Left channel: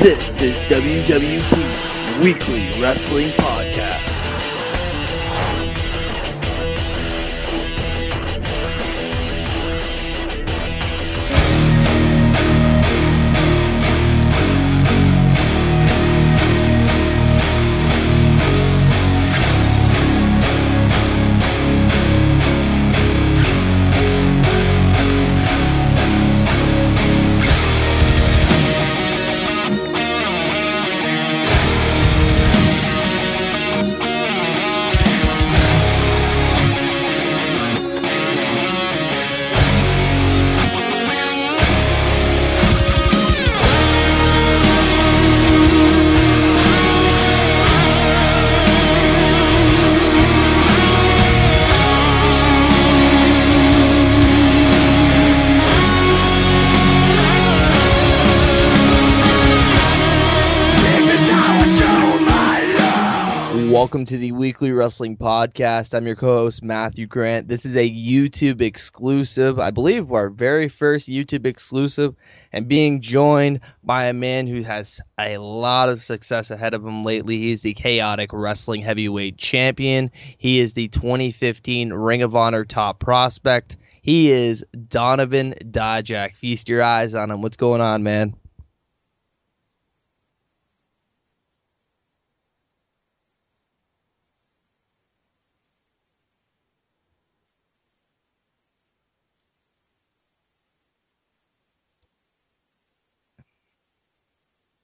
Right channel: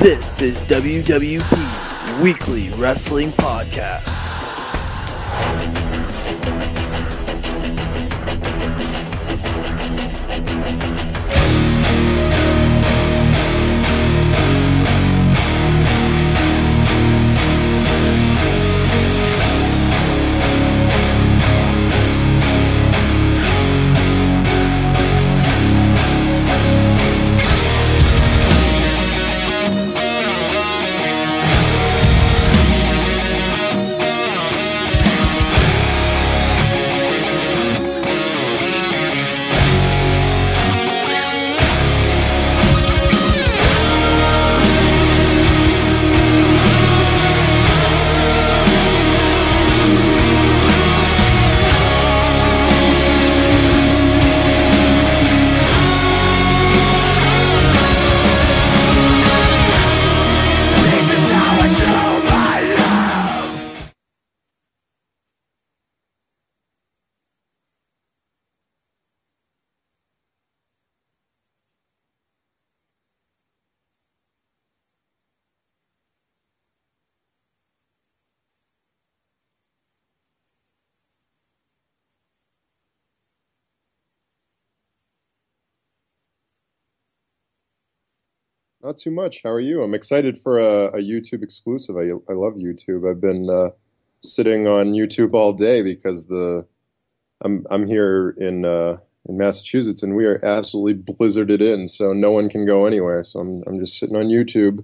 This is WWP Weekly Wrestling Podcast. Welcome to the Weekly Wrestling Podcast. I'm your co-host, Matthew Grant. This is a YouTube exclusive, I believe our very first YouTube exclusive, and being joined by a man who has a lot of success ahead of him lately. He's the Chaotic Wrestling Heavyweight Champion. He is the 2015 Ring of Honor Top Prospect. He is Donovan Dijak. Feast your eyes on him. What's going on, man? Not too much. How are you? I'm excited for a YouTube exclusive. I love YouTube. I've been sitting on YouTube all day because I'm here in Massachusetts and we are absolutely blizzarded in, so no one can go anywhere. So I'm just sitting on YouTube.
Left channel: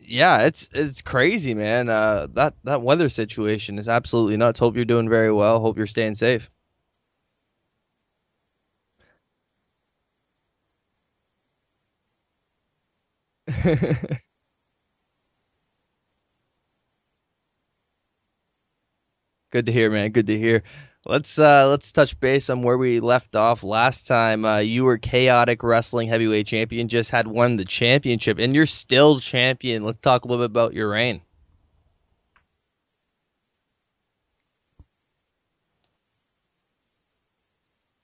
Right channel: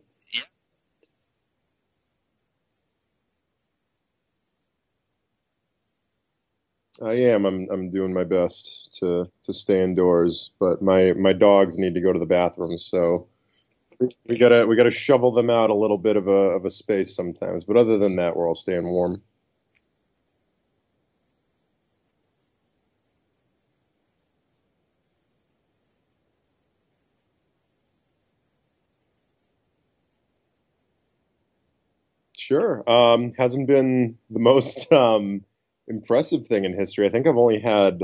Yeah, it's crazy, man. That weather situation is absolutely nuts. Hope you're doing very well. Hope you're staying safe. I am. I'm doing my best to stay indoors, but my dogs need to go to the bathroom, so we gotta shovel them out a little bit of a space sometimes. But other than that, we're all staying warm. Good to hear, man. Good to hear. Let's touch base on where we left off last time. You were Chaotic Wrestling Heavyweight Champion, just had won the championship, and you're still champion. Let's talk a little bit about your reign. Sure. Hasn't been the most impressive thing in history. I think I've only had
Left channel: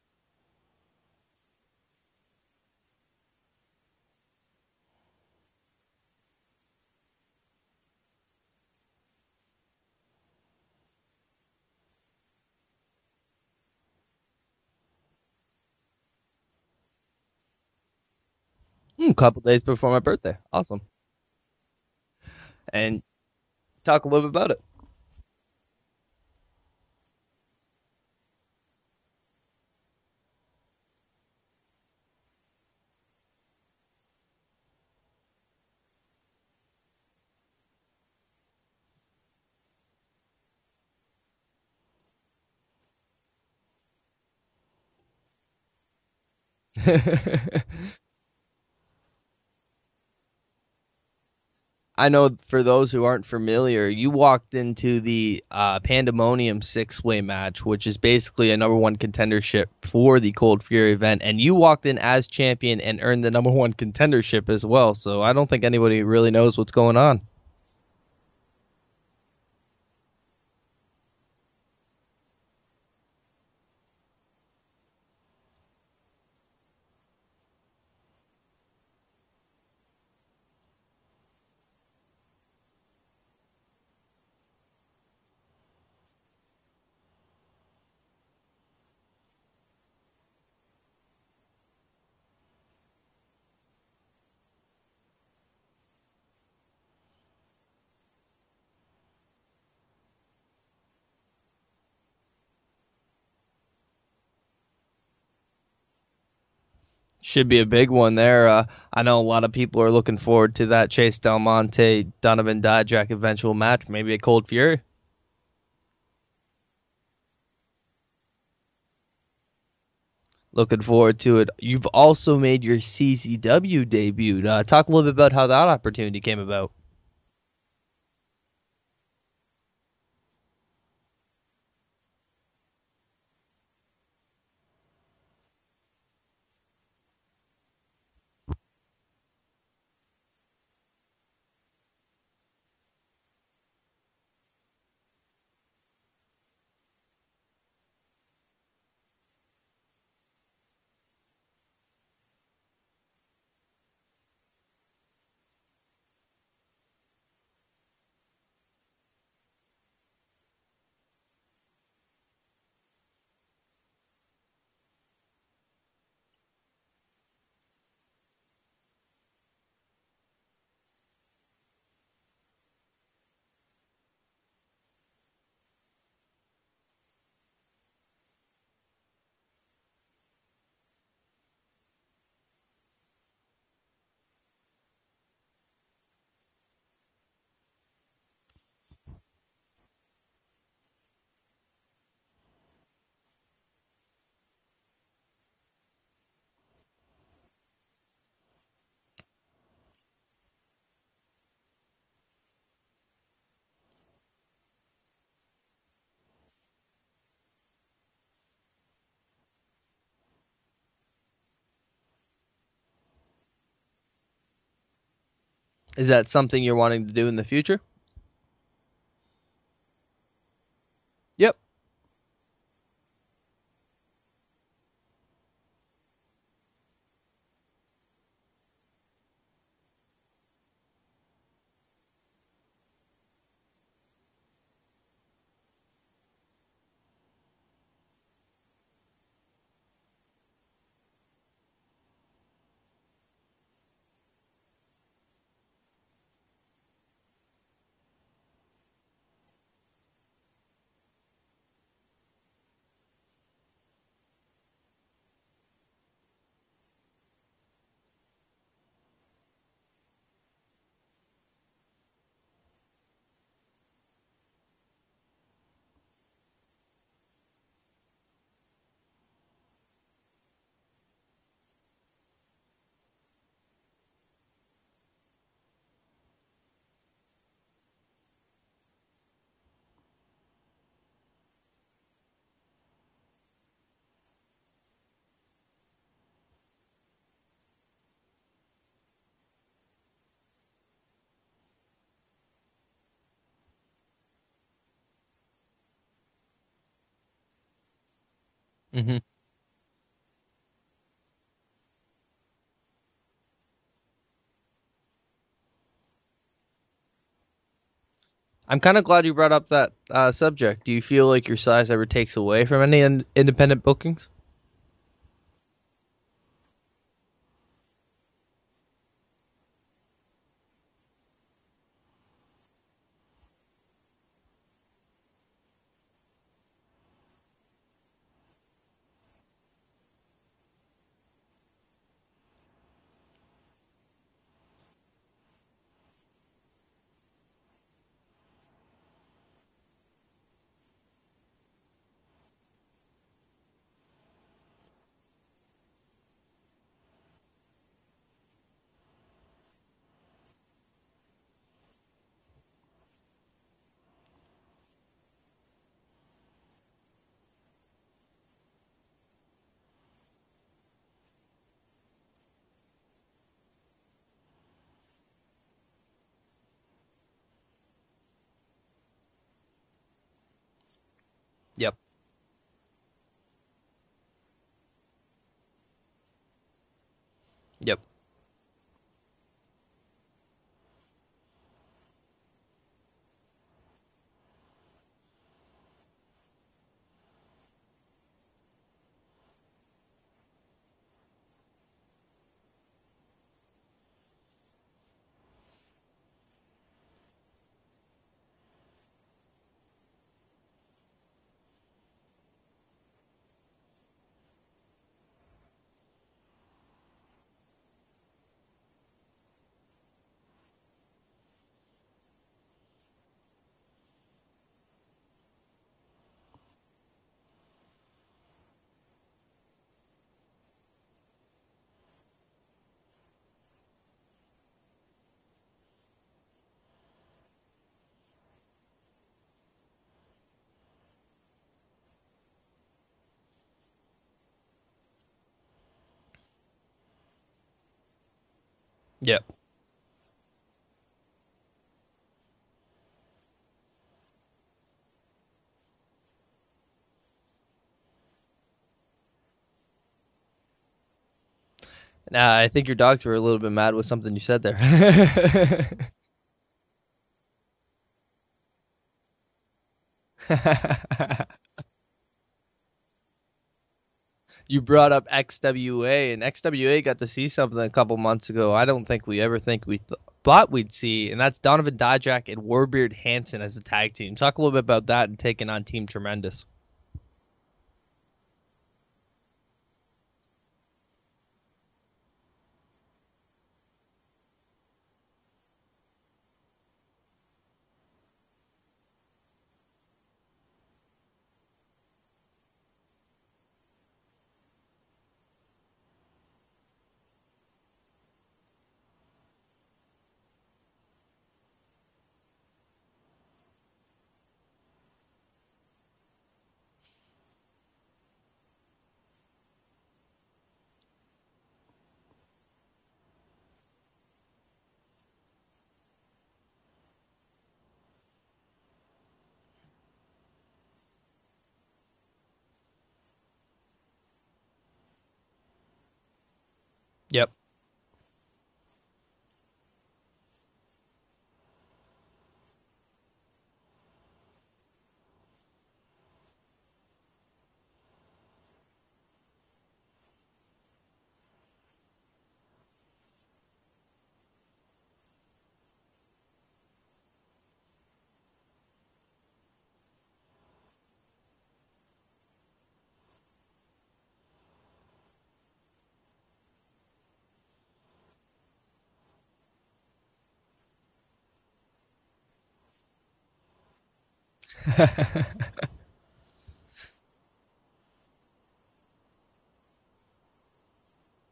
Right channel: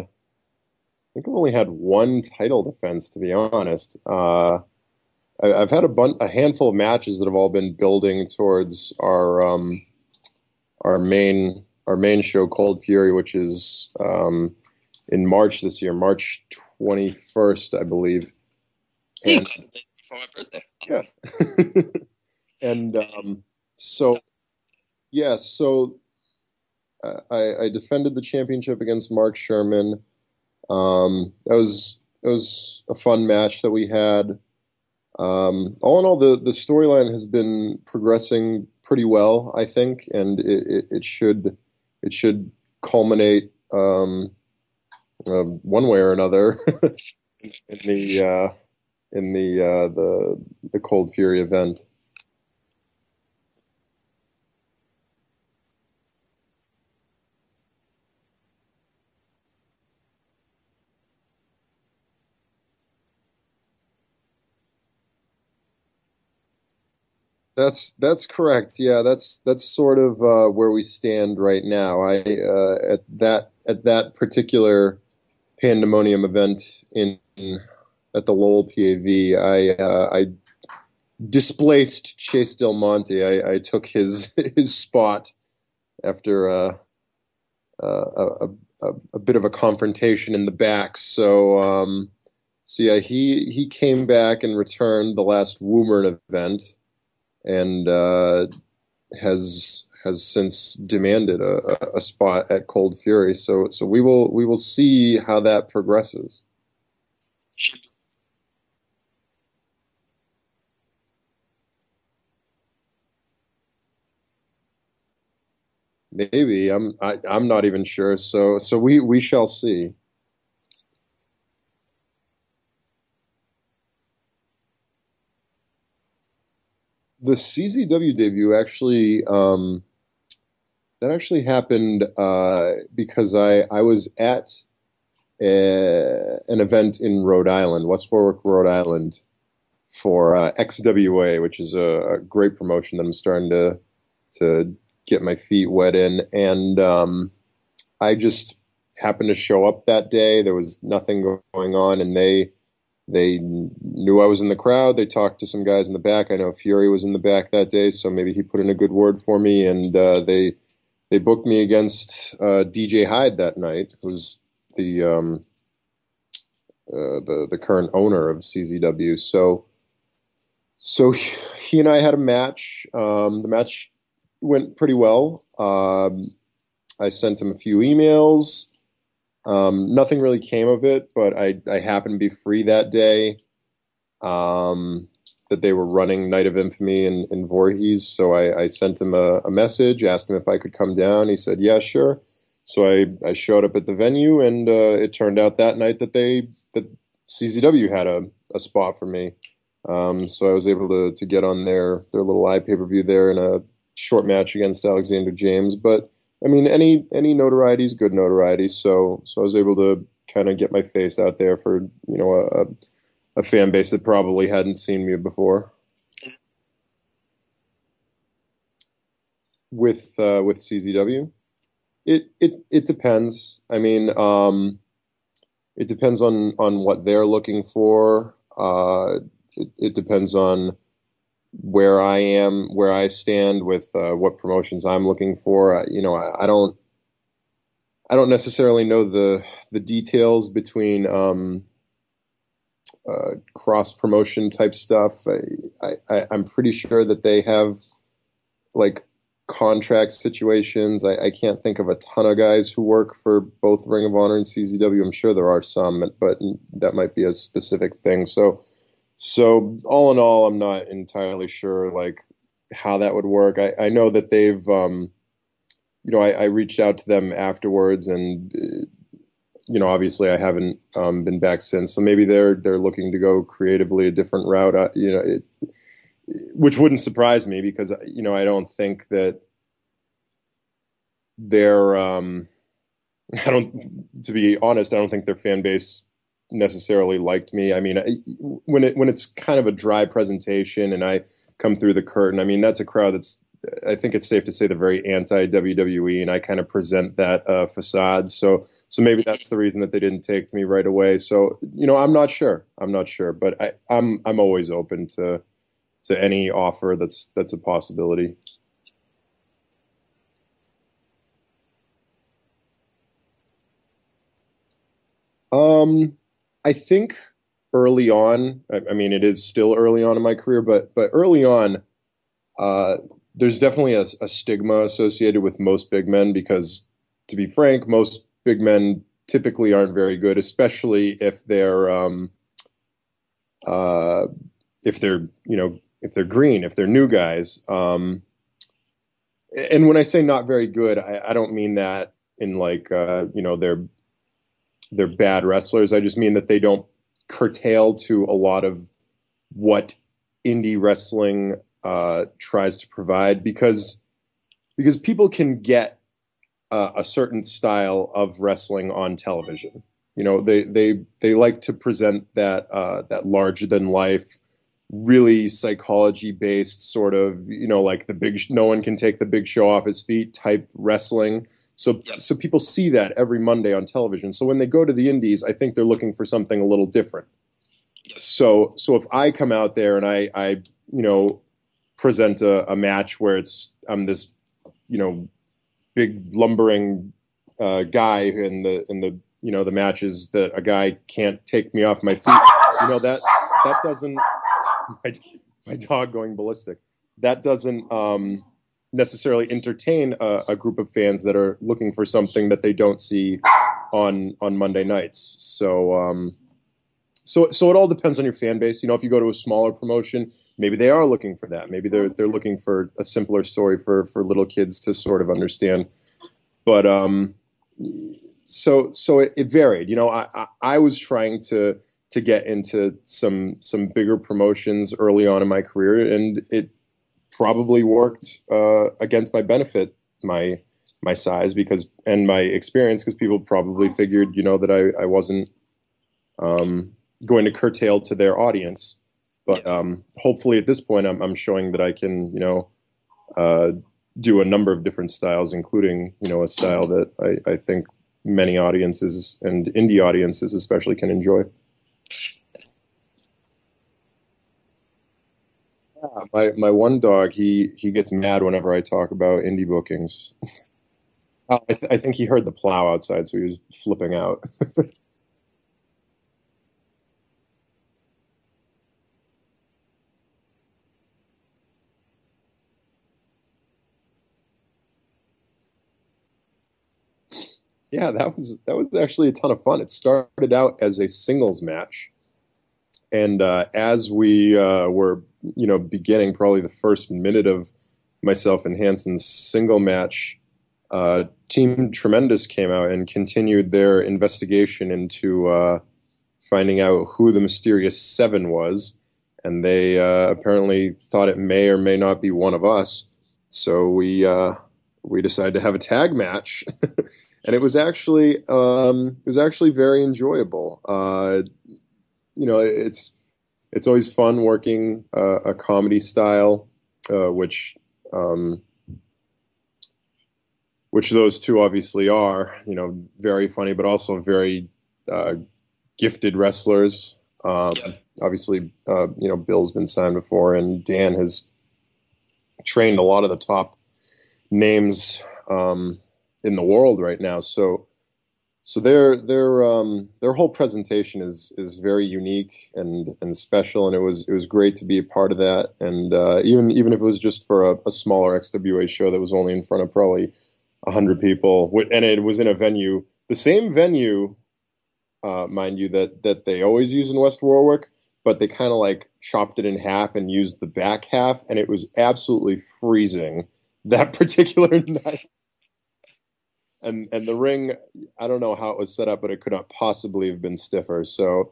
one title defense, to be honest. I've had a handful of matches that have all been building towards our main show, Cold Fury, which is in March this year, March 21st, I believe. A couple days before my birthday. Awesome. Yeah. and talk a little bit about it. Yeah. So I defended the championship against Mark Sherman. That was a fun match that we had. All in all, the storyline has been progressing pretty well, I think, and it should culminate one way or another in the Cold Fury event. I know for those who aren't familiar, you walked into the Pandemonium 6-way match, which is basically a number one contendership for the Cold Fury event, and you walked in as champion and earned the number one contendership as well. So I don't think anybody really knows what's going on. That's correct. Yeah, that's sort of where we stand right now. I at that particular Pandemonium event at the Lowell PAV, I displaced Chase Del Monte. I took his spot after a bit of a confrontation in the back. So yeah, he came back and returned the last Woomern event, and has since demanded a spot at Cold Fury. So we will see how that progresses. Should be a big one there. I know a lot of people are looking forward to that Chase Del Monte, Donovan Dijak eventual match. Maybe a Cold Fury. Maybe I'm not even sure. So we shall see. Looking forward to it. You've also made your CZW debut. Talk a little bit about how that opportunity came about. The CZW debut actually happened because I was at an event in Rhode Island, West Warwick, Rhode Island, for XWA, which is a great promotion that I'm starting to get my feet wet in. And I just happened to show up that day. There was nothing going on, and they They knew I was in the crowd. They talked to some guys in the back. I know Fury was in the back that day, so maybe he put in a good word for me. And they booked me against DJ Hyde that night, who's the the current owner of CZW. So he and I had a match. The match went pretty well. I sent him a few emails. Nothing really came of it, but I happened to be free that day. That they were running Night of Infamy in Voorhees, so I sent him a message, asked him if I could come down. He said, "Yeah, sure." So I showed up at the venue, and it turned out that night that CZW had a spot for me. So I was able to get on their little pay-per-view there in a short match against Alexander James. But I mean, any notoriety is good notoriety. So I was able to kind of get my face out there for a fan base that probably hadn't seen me before. Is that something you're wanting to do in the future? With CZW? Yep. It depends. I mean, it depends on what they're looking for. It depends on where I am, where I stand with what promotions I'm looking for. I don't necessarily know the details between cross promotion type stuff. I'm pretty sure that they have like contract situations. I can't think of a ton of guys who work for both Ring of Honor and CZW. I'm sure there are some, but that might be a specific thing. So all in all, I'm not entirely sure like how that would work. I know that they've, I reached out to them afterwards, and obviously I haven't been back since. So maybe they're looking to go creatively a different route. Which wouldn't surprise me because I don't think that they're. To be honest, I don't think their fan base necessarily liked me. I mean, when it's kind of a dry presentation and I come through the curtain, I mean, that's a crowd that's, I think it's safe to say, they're very anti-WWE, and I kind of present that facade. So maybe that's the reason that they didn't take to me right away. So, I'm not sure, but I'm always open to any offer that's a possibility. I'm kind of glad you brought up that subject. Do you feel like your size ever takes away from any independent bookings? I think early on, I mean, it is still early on in my career, but early on, there's definitely a stigma associated with most big men because, to be frank, most big men typically aren't very good, especially if they're green, if they're new guys. And when I say not very good, I don't mean that in like they're bad wrestlers. I just mean that they don't curtail to a lot of what indie wrestling tries to provide, because people can get a certain style of wrestling on television. They like to present that larger than life, really psychology based sort of, like no one can take the Big Show off his feet type wrestling. Yep. So people see that every Monday on television. So when they go to the indies, I think they're looking for something a little different. Yep. So if I come out there and I present a match where I'm this, big lumbering guy in the matches that a guy can't take me off my feet, that doesn't, my dog going ballistic, that doesn't necessarily entertain a group of fans that are looking for something that they don't see on Monday nights. So it all depends on your fan base. If you go to a smaller promotion, maybe they are looking for that. Maybe they're looking for a simpler story for little kids to sort of understand. But so it varied. I was trying to get into some bigger promotions early on in my career, and it probably worked against my benefit, my size and my experience, because people probably figured that I wasn't going to curtail to their audience. Yeah. But hopefully at this point I'm showing that I can do a number of different styles, including a style that I think many audiences and indie audiences especially can enjoy. I think your dogs were a little bit mad with something you said there. My one dog, he gets mad whenever I talk about indie bookings. I think he heard the plow outside, so he was flipping out. You brought up XWA, and XWA got to see something a couple months ago. I don't think we ever thought we'd see, and that's Donovan Dijak and Warbeard Hansen as a tag team. Talk a little bit about that and taking on Team Tremendous. Yeah, that was actually a ton of fun. It started out as a singles match, and as we were, beginning probably the first minute of myself and Hansen's single match, Team Tremendous came out and continued their investigation into finding out who the mysterious seven was, and they apparently thought it may or may not be one of us. So we decided to have a tag match, and it was actually very enjoyable. It's always fun working a comedy style, which those two obviously are, very funny, but also very gifted wrestlers. Yep. Obviously, Bill's been signed before, and Dan has trained a lot of the top names in the world right now. So their whole presentation is very unique and special, and it was great to be a part of that. And even if it was just for a smaller XWA show that was only in front of probably 100 people, and it was in a venue, the same venue, mind you, that they always use in West Warwick, but they kind of like chopped it in half and used the back half, and it was absolutely freezing that particular night. And the ring, I don't know how it was set up, but it could not possibly have been stiffer. So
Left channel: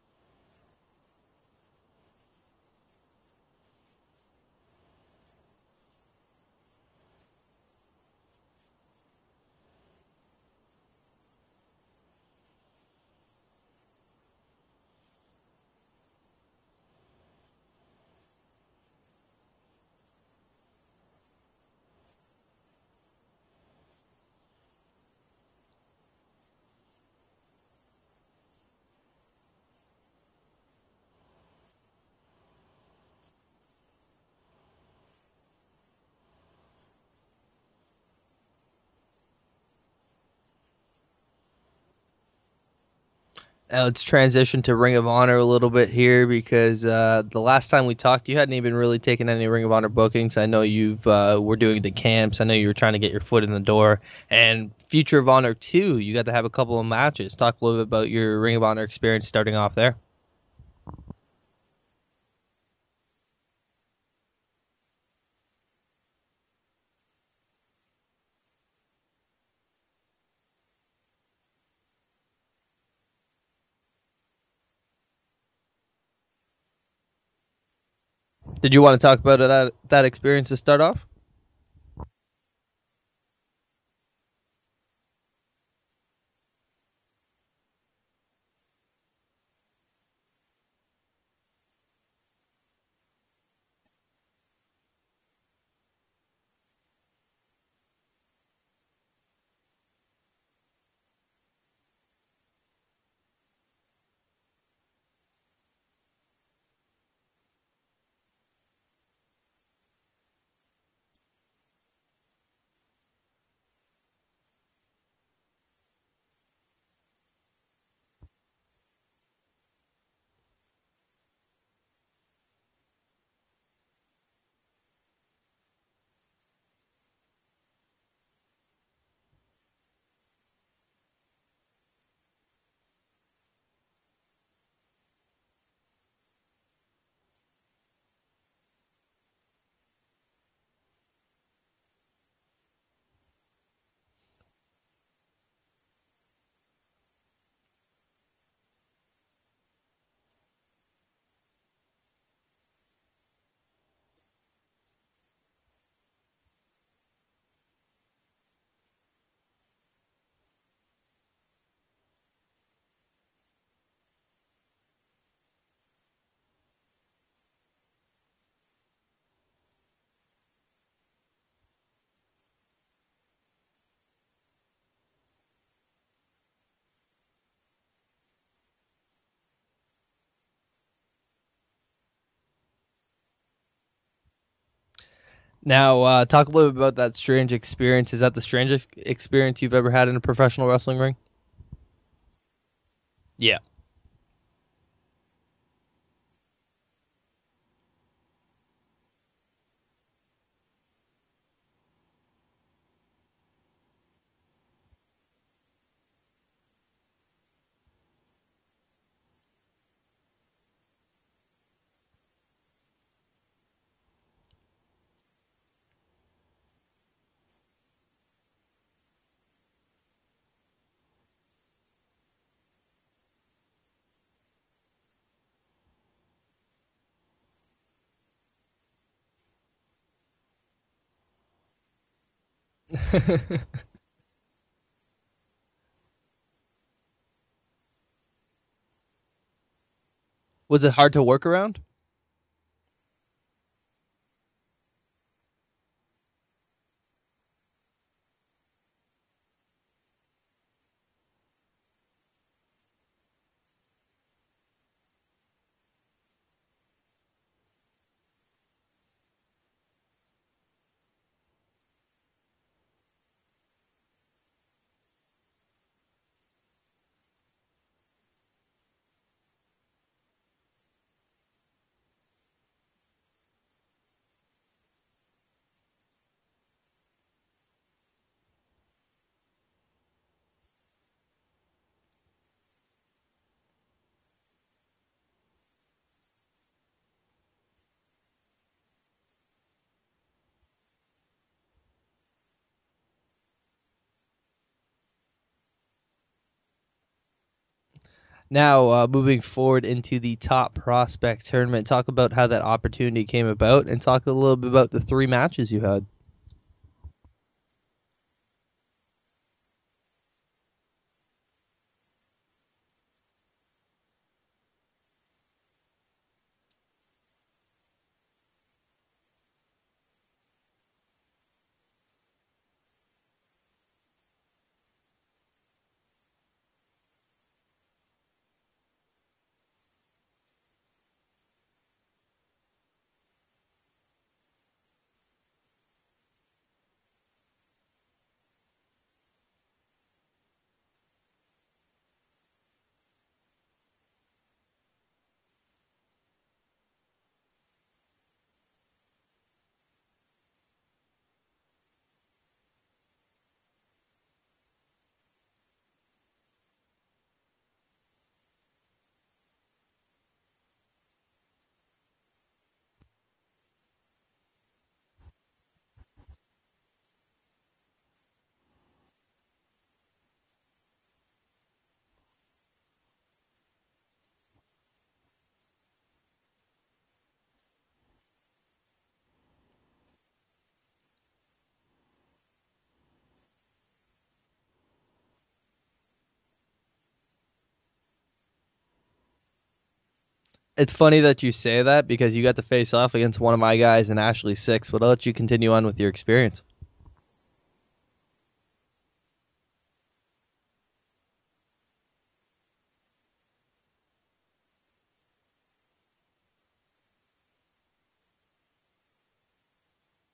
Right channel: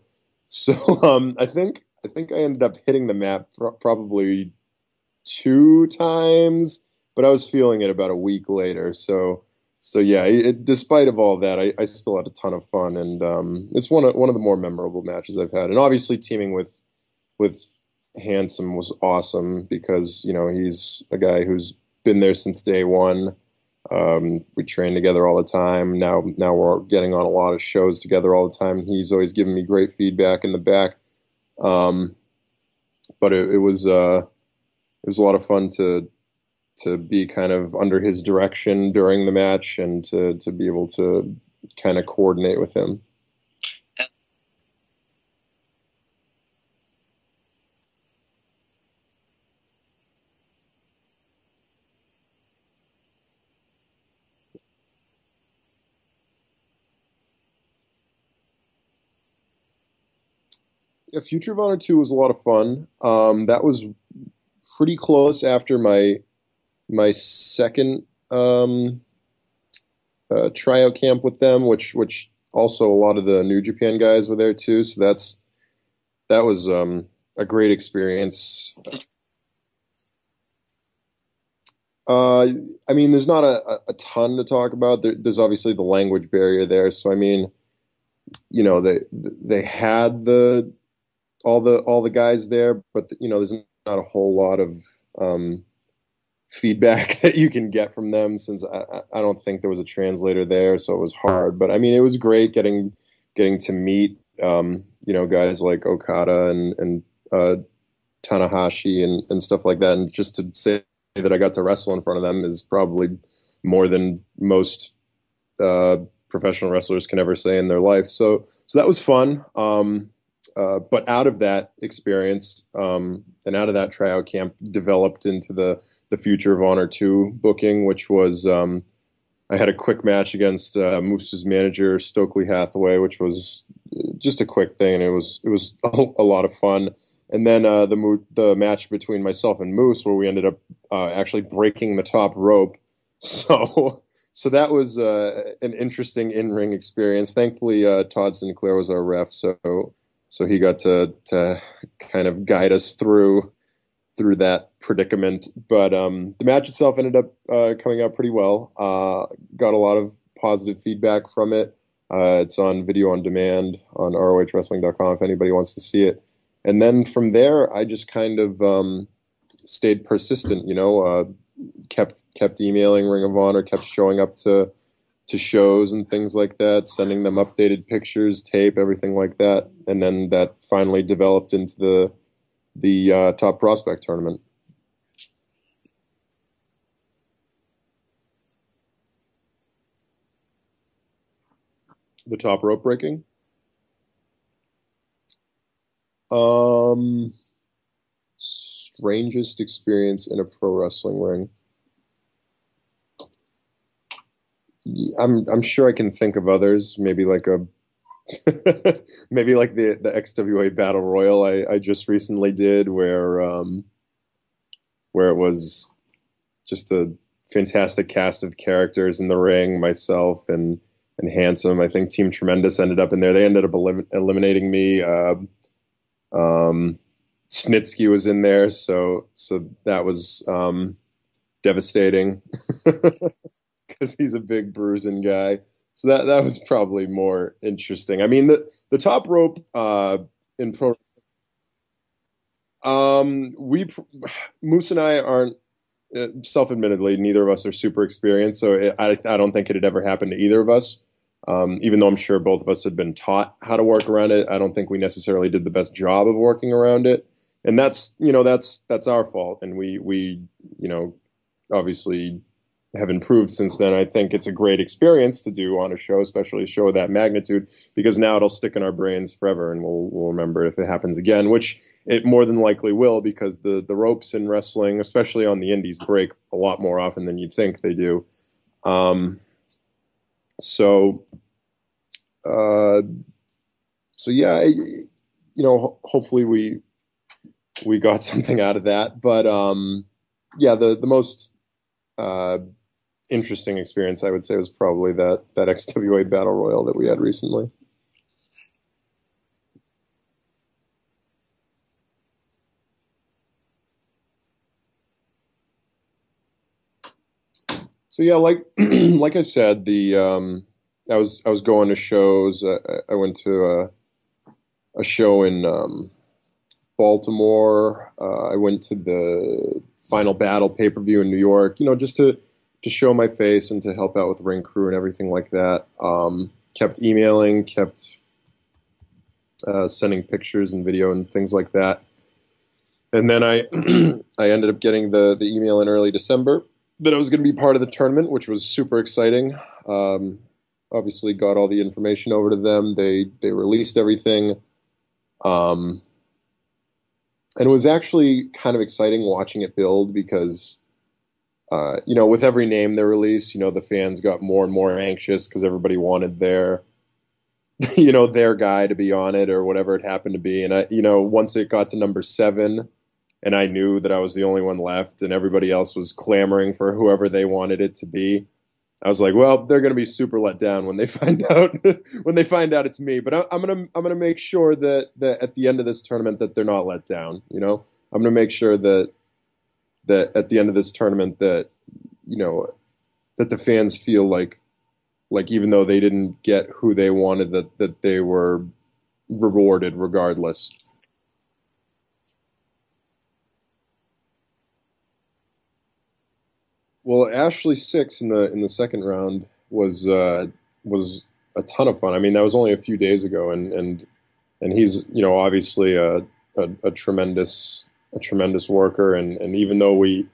I think I ended up hitting the mat probably 2 times, but I was feeling it about a week later. So yeah, despite of all that, I still had a ton of fun, and it's one of the more memorable matches I've had. And obviously teaming with Handsome was awesome because he's a guy who's been there since day one. We train together all the time. Now we're getting on a lot of shows together all the time. He's always given me great feedback in the back. But it was a lot of fun to be kind of under his direction during the match and to be able to kind of coordinate with him. Let's transition to Ring of Honor a little bit here because the last time we talked, you hadn't even really taken any Ring of Honor bookings. I know you've were doing the camps. I know you were trying to get your foot in the door. And Future of Honor 2, you got to have a couple of matches. Talk a little bit about your Ring of Honor experience starting off there. Yeah, Future of Honor 2 was a lot of fun. That was pretty close after my second tryout camp with them, which also a lot of the New Japan guys were there too. So that was a great experience. Did you want to talk about that experience to start off? I mean, there's not a ton to talk about. There's obviously the language barrier there. So I mean, they had all the guys there, but there's not a whole lot of feedback that you can get from them since I don't think there was a translator there, so it was hard. But I mean, it was great getting to meet guys like Okada and Tanahashi and stuff like that, and just to say that I got to wrestle in front of them is probably more than most professional wrestlers can ever say in their life. So that was fun. But out of that experience and out of that tryout camp developed into the Future of Honor 2 booking, which was I had a quick match against Moose's manager, Stokely Hathaway, which was just a quick thing, and it was a lot of fun. And then the match between myself and Moose, where we ended up actually breaking the top rope. So that was an interesting in-ring experience. Thankfully, Todd Sinclair was our ref, so he got to kind of guide us through that predicament. But the match itself ended up coming out pretty well. Got a lot of positive feedback from it. It's on video on demand on ROHwrestling.com if anybody wants to see it. And then from there, I just kind of stayed persistent, kept emailing Ring of Honor, kept showing up to to shows and things like that, sending them updated pictures, tape, everything like that, and then that finally developed into the top prospect tournament. Now, talk a little bit about that strange experience. Is that the strangest experience you've ever had in a professional wrestling ring? The top rope breaking. Yeah. Strangest experience in a pro wrestling ring. I'm sure I can think of others. Maybe like a maybe like the XWA Battle Royal I just recently did, where it was just a fantastic cast of characters in the ring, myself and Handsome. I think Team Tremendous ended up in there. They ended up eliminating me. Snitsky was in there, so that was devastating because he's a big bruising guy. So that was probably more interesting. I mean, the top rope Was it hard to work around? Moose and I aren't, self-admittedly, neither of us are super experienced, so I don't think it had ever happened to either of us. Even though I'm sure both of us had been taught how to work around it, I don't think we necessarily did the best job of working around it, and that's our fault, and we obviously have improved since then. I think it's a great experience to do on a show, especially a show of that magnitude, because now it'll stick in our brains forever, and we'll remember it if it happens again, which it more than likely will, because the ropes in wrestling, especially on the indies, break a lot more often than you'd think they do. So yeah, hopefully we got something out of that, but yeah, the most interesting experience, I would say, was probably that XWA Battle Royal that we had recently. Now, moving forward into the top prospect tournament, talk about how that opportunity came about, and talk a little bit about the 3 matches you had. So yeah, like like I said, I was going to shows. I went to a show in Baltimore. I went to the Final Battle pay-per-view in New York. Just to show my face and to help out with ring crew and everything like that. Kept emailing, kept sending pictures and video and things like that. And then I I ended up getting the email in early December that I was going to be part of the tournament, which was super exciting. Obviously, got all the information over to them. They released everything. And it was actually kind of exciting watching it build because, with every name they released, the fans got more and more anxious because everybody wanted their their guy to be on it or whatever it happened to be. And once it got to number 7, and I knew that I was the only one left, and everybody else was clamoring for whoever they wanted it to be, I was like, well, they're going to be super let down when they find out it's me. But I'm gonna make sure that at the end of this tournament that they're not let down. I'm gonna make sure that at the end of this tournament that that the fans feel like even though they didn't get who they wanted, that they were rewarded regardless. It's funny that you say that because you got to face off against one of my guys in Ashley 6, but I'll let you continue on with your experience. Well, Ashley 6 in the second round was a ton of fun. I mean, that was only a few days ago, and he's obviously a tremendous worker, and even though we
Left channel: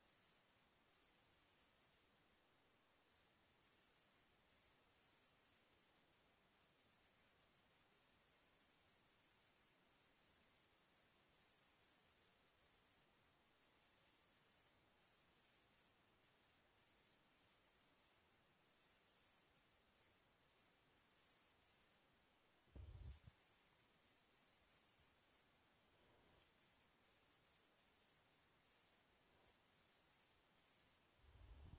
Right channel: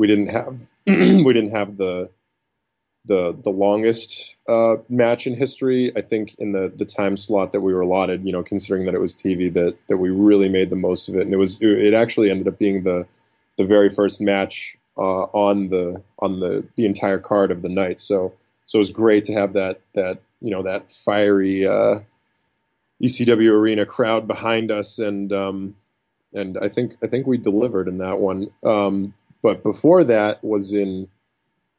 didn't have we didn't have the longest match in history, I think in the time slot that we were allotted, considering that it was TV, that we really made the most of it, and it actually ended up being the very first match on the entire card of the night. So it was great to have that fiery ECW arena crowd behind us, and I think we delivered in that one. But before that was in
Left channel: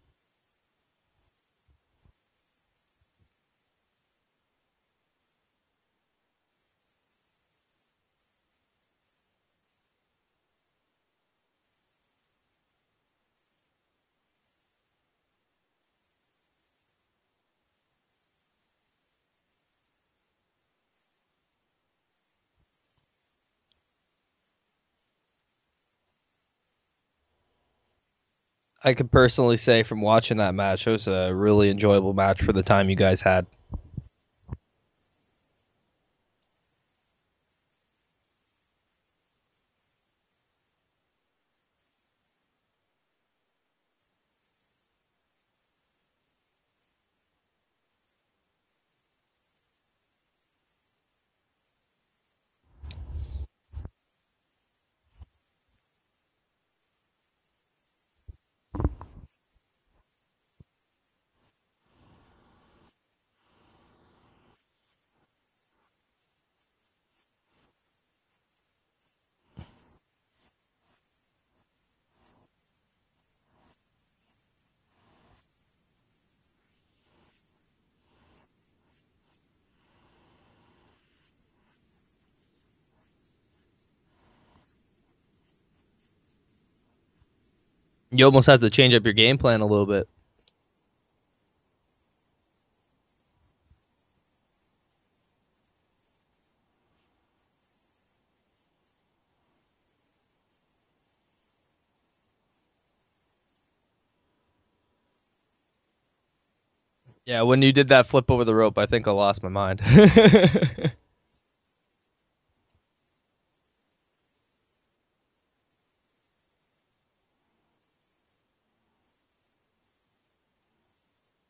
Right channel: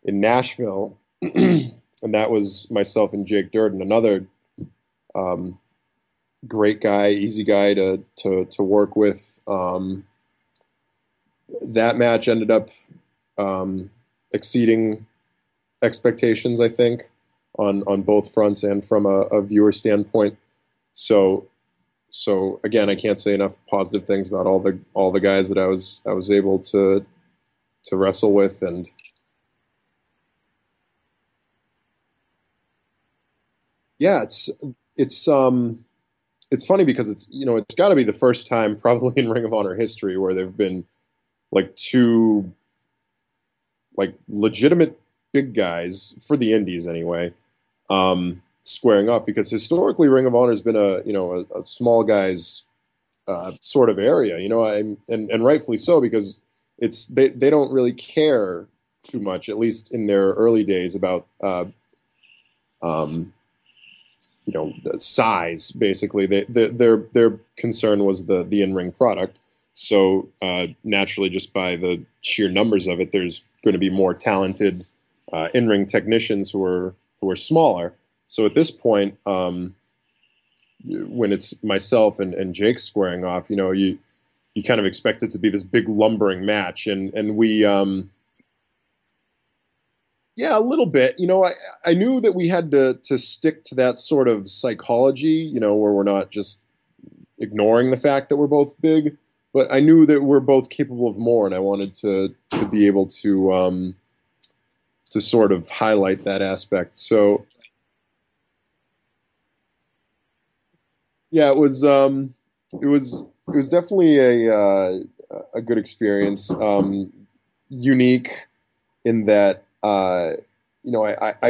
Nashville, and that was myself and Jake Durden, another great guy, easy guy to work with. That match ended up exceeding expectations, I think, on both fronts and from a viewer standpoint. So again, I can't say enough positive things about all the guys that I was able to to wrestle with. And I can personally say from watching that match, it was a really enjoyable match for the time you guys had. yeah, it's it's funny because it's got to be the first time probably in Ring of Honor history where there've been like two like legitimate big guys for the indies anyway, squaring up, because historically Ring of Honor has been a small guys sort of area, and rightfully so, because they don't really care too much, at least in their early days, about um, the size. Basically, their concern was the in ring product. So naturally, just by the sheer numbers of it, there's going to be more talented in ring technicians who are smaller. So at this point, when it's myself and Jake squaring off, you kind of expect it to be this big lumbering match, and we You almost have to change up your game plan a little bit. yeah, a little bit. I knew that we had to stick to that sort of psychology, where we're not just ignoring the fact that we're both big, but I knew that we're both capable of more, and I wanted to be able to sort of highlight that aspect. Yeah, So when you did that flip over the rope, I think I lost my mind. yeah, it was definitely a good experience, unique in that I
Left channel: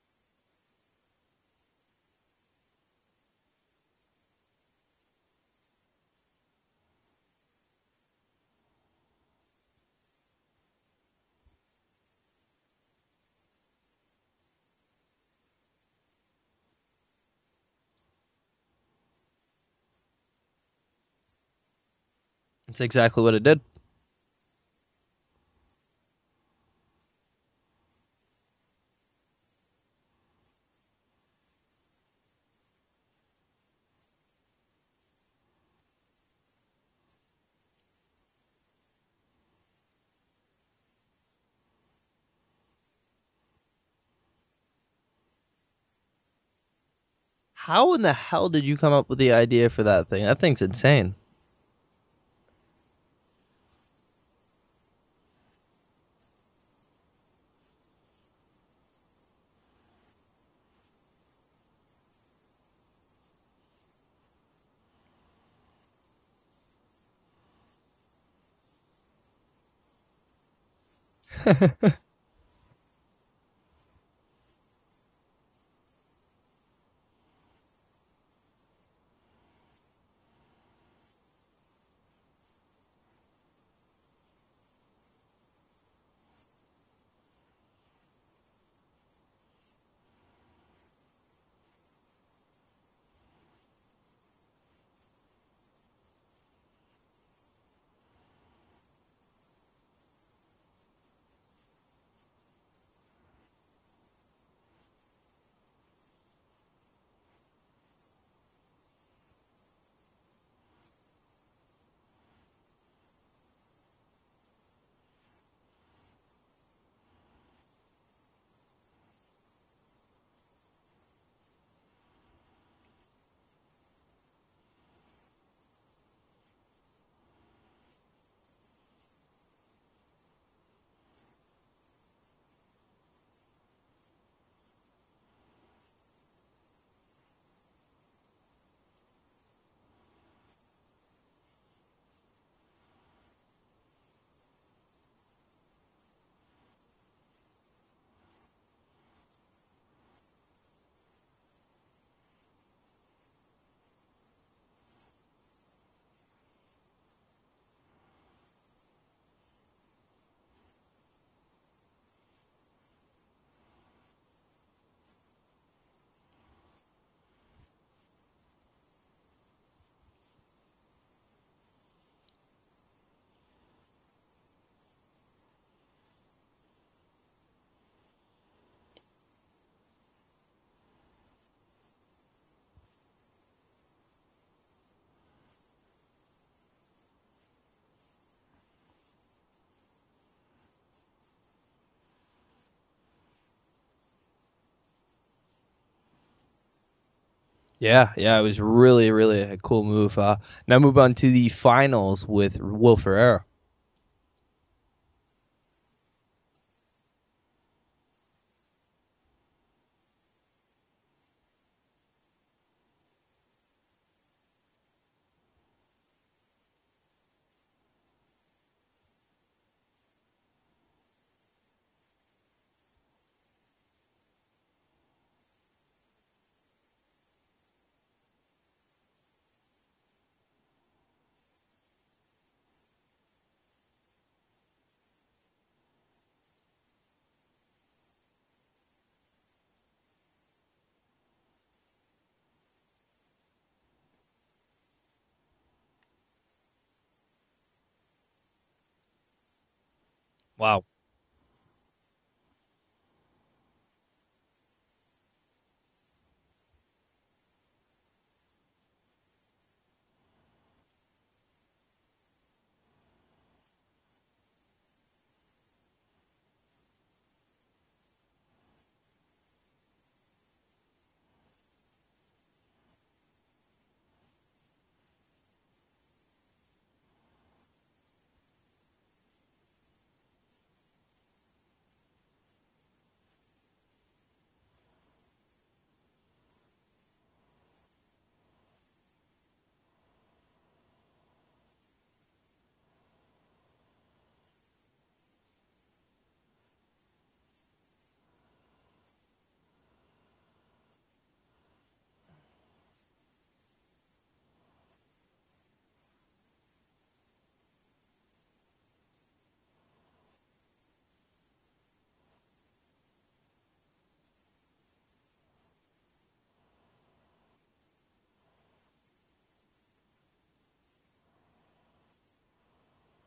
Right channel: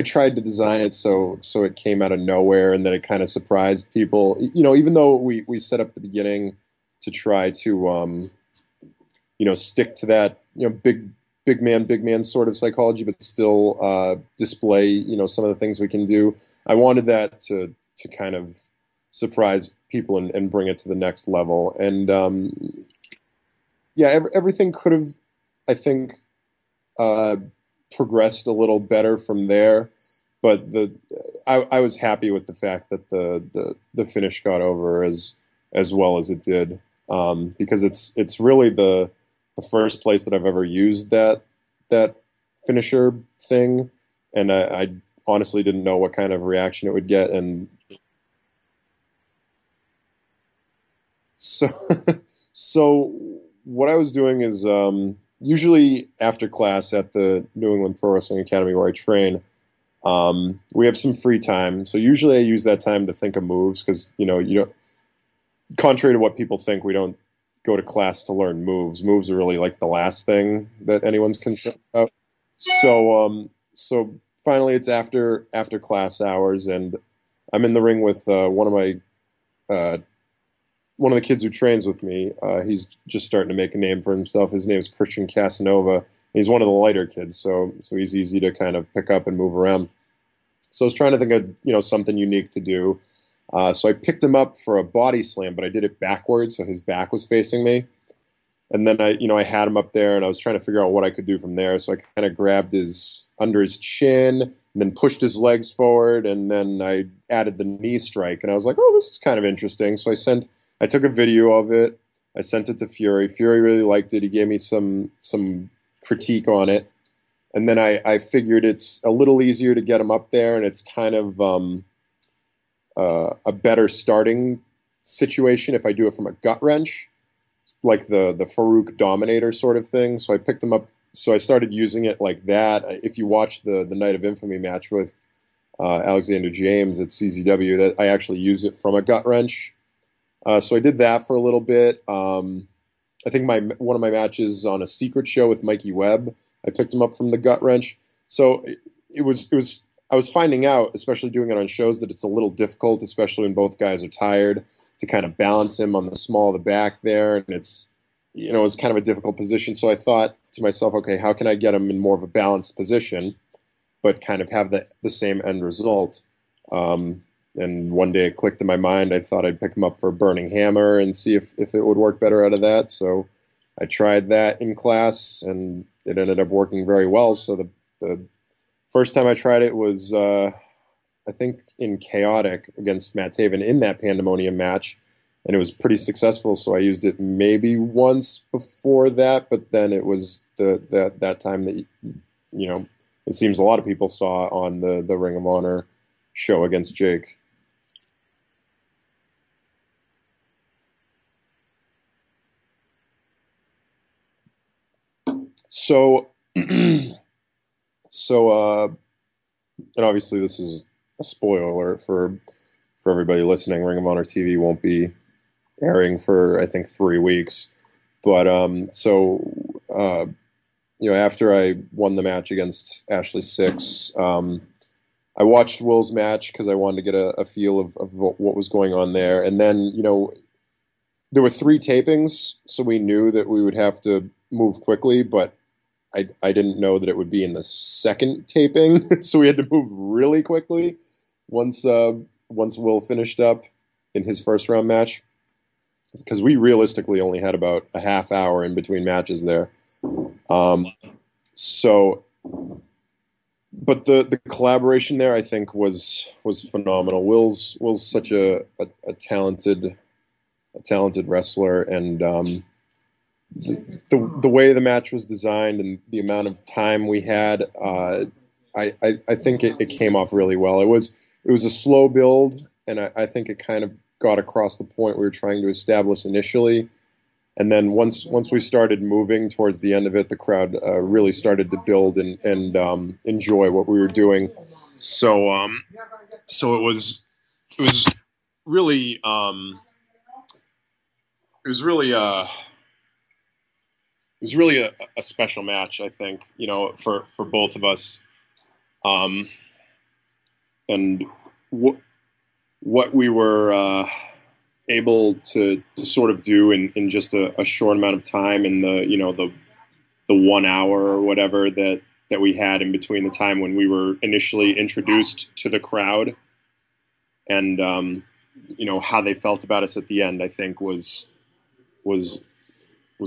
tried to design it so it came out of nowhere, and that it kind of surprised people. Even though we set up the beginning to try to stick to that big man sort of psychology, but still display some of the things we can do. I wanted that to kind of surprise people and bring it to the next level. And That's exactly what it did. yeah, everything could have, I think, uh, progressed a little better from there. But I was happy with the fact that the finish got over as well as it did, because it's really the first place that I've ever used that finisher thing, and I honestly didn't know what kind of reaction it would get. And How in the hell did you come up with the idea for that thing? That thing's insane. so so what I was doing is, usually after class at the New England Pro Wrestling Academy where I train, we have some free time. So usually I use that time to think of moves, because you don't, contrary to what people think, we don't go to class to learn moves. Moves are really like the last thing that anyone's concerned about. So finally it's after class hours, and I'm in the ring with uh, one of the kids who trains with me. He's just starting to make a name for himself. His name is Christian Casanova. He's one of the lighter kids, so he's easy to kind of pick up and move around. So I was trying to think of something unique to do. So I picked him up for a body slam, but I did it backwards, so his back was facing me. And then I had him up there, and I was trying to figure out what I could do from there. So I kind of grabbed his under his chin, and then pushed his legs forward, and then I added the knee strike, and I was like, oh, this is kind of interesting. So I took a video of it. I sent it to Fury. Fury really liked it. He gave me some critique on it, and then I figured it's a little easier to get him up there, and it's kind of a better starting situation if I do it from a gut wrench, like the Farouk Dominator sort of thing. So I picked him up. So I started using it like that. If you watch the Night of Infamy match with Alexander James at CZW, that I actually use it from a gut wrench. So I did that for a little bit. I think one of my matches on a secret show with Mikey Webb, I picked him up from the gut wrench. So it was I was finding out, especially doing it on shows, that it's a little difficult, especially when both guys are tired, to kind of balance him on the small of the back there, and it's kind of a difficult position. So I thought to myself, okay, how can I get him in more of a balanced position, but kind of have the same end result? And one day it clicked in my mind. I thought I'd pick him up for a burning hammer and see if it would work better out of that. So I tried that in class, and it ended up working very well. So the first time I tried it was, I think, in Chaotic against Matt Taven in that Pandemonium match, and it was pretty successful. So I used it maybe once before that, but then it was that time that it seems a lot of people saw on the Ring of Honor show against Jake. Yeah, it was really, really a cool move. Now move on to the finals with Will Ferreira. So, so, and obviously this is a spoiler alert for everybody listening. Ring of Honor TV won't be airing for I think 3 weeks, but uh, after I won the match against Ashley Six, I watched Will's match because I wanted to get a feel of what was going on there, and then there were 3 tapings, so we knew that we would have to move quickly, but I didn't know that it would be in the second taping, so we had to move really quickly once once Will finished up in his first round match, because we realistically only had about a half hour in between matches there. Wow. So, but the collaboration there I think was phenomenal. Will's such a talented wrestler, and the way the match was designed and the amount of time we had, I think it came off really well. It was a slow build, and I think it kind of got across the point we were trying to establish initially. And then once we started moving towards the end of it, the crowd really started to build and enjoy what we were doing. So so it was really it was really it was really a special match, I think, for both of us. And what we were able to sort of do in just a short amount of time, in the 1 hour or whatever that we had in between the time when we were initially introduced to the crowd, and how they felt about us at the end, I think was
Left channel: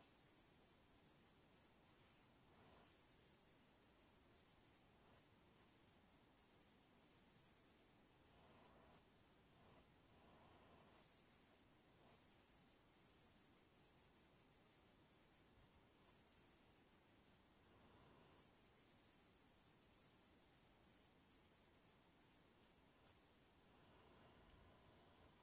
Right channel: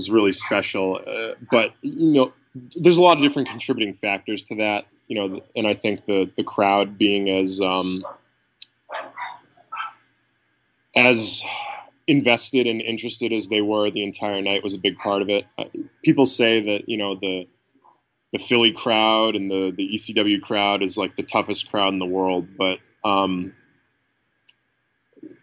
really special. But there's a lot of different contributing factors to that. And I think the crowd being as invested and interested as they were the entire night was a big part of it. People say that the Philly crowd and the ECW crowd is like the toughest crowd in the world, but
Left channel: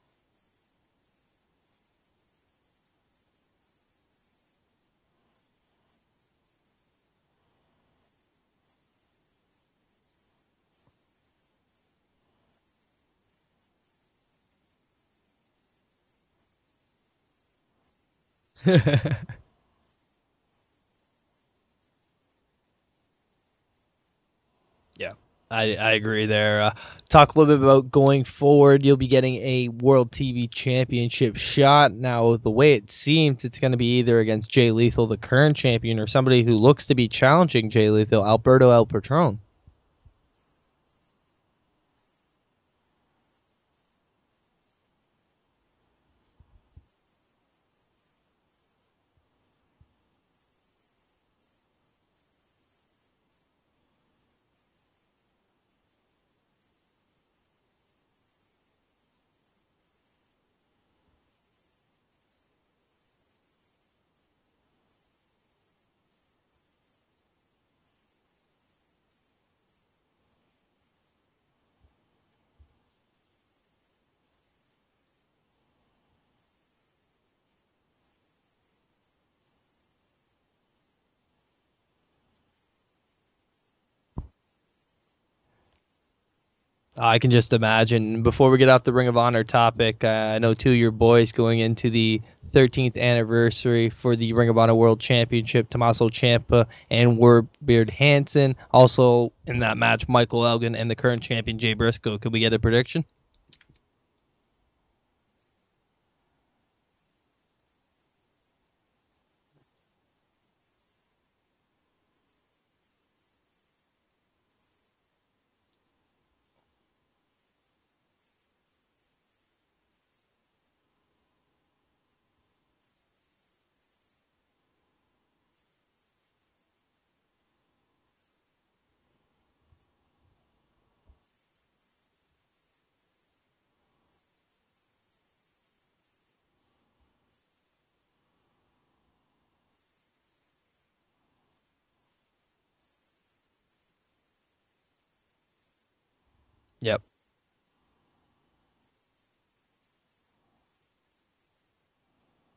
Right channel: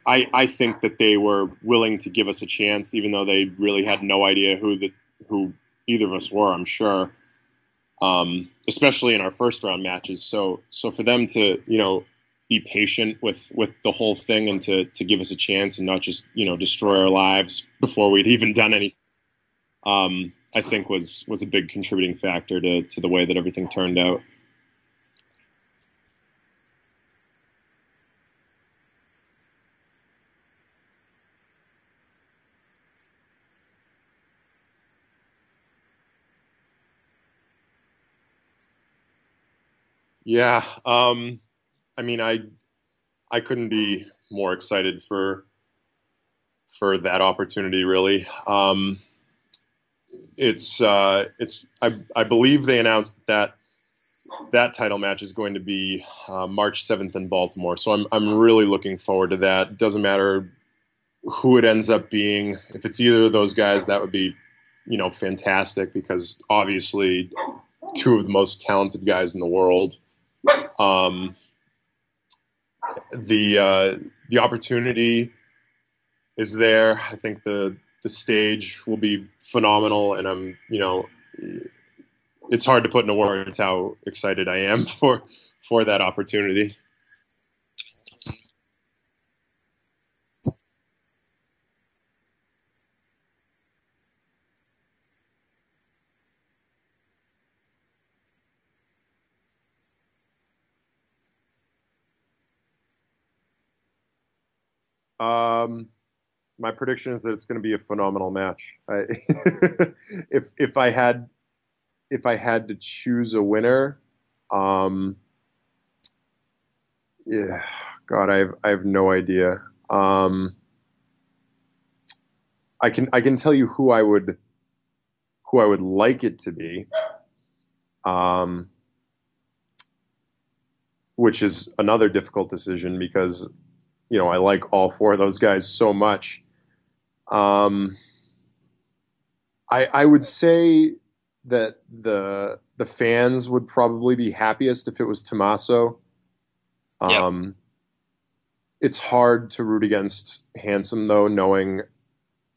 I think that they were willing to give us a chance, even though they really had no idea who either of us were, I'm sure. Especially in our first round matches. So for them to, be patient with the whole thing and to give us a chance and not just, destroy our lives before we'd even done anything, I think was a big contributing factor to the way that everything turned out. Yeah, I agree there. Talk a little bit about going forward. You'll be getting a World TV Championship shot. Now, the way it seems, it's going to be either against Jay Lethal, the current champion, or somebody who looks to be challenging Jay Lethal, Alberto El Patron. Yeah. I mean, I couldn't be more excited for that opportunity, really. I believe they announced that title match is going to be March 7th in Baltimore. So I'm really looking forward to that. It doesn't matter who it ends up being. If it's either of those guys, that would be, fantastic, because obviously 2 of the most talented guys in the world. The opportunity is there. I think the stage will be phenomenal, and I'm, it's hard to put into words how excited I am for that opportunity. I can just imagine. Before we get off the Ring of Honor topic, I know 2 of your boys going into the 13th anniversary for the Ring of Honor World Championship, Tommaso Ciampa and Warbeard Hansen. Also in that match, Michael Elgin and the current champion, Jay Briscoe. Could we get a prediction? My prediction is that it's going to be a phenomenal match. If I had to choose a winner, yeah, God, I have no idea. I can tell you who I would like it to be, which is another difficult decision because I like all 4 of those guys so much. I would say that the fans would probably be happiest if it was Tommaso. Yep. It's hard to root against Handsome, though, knowing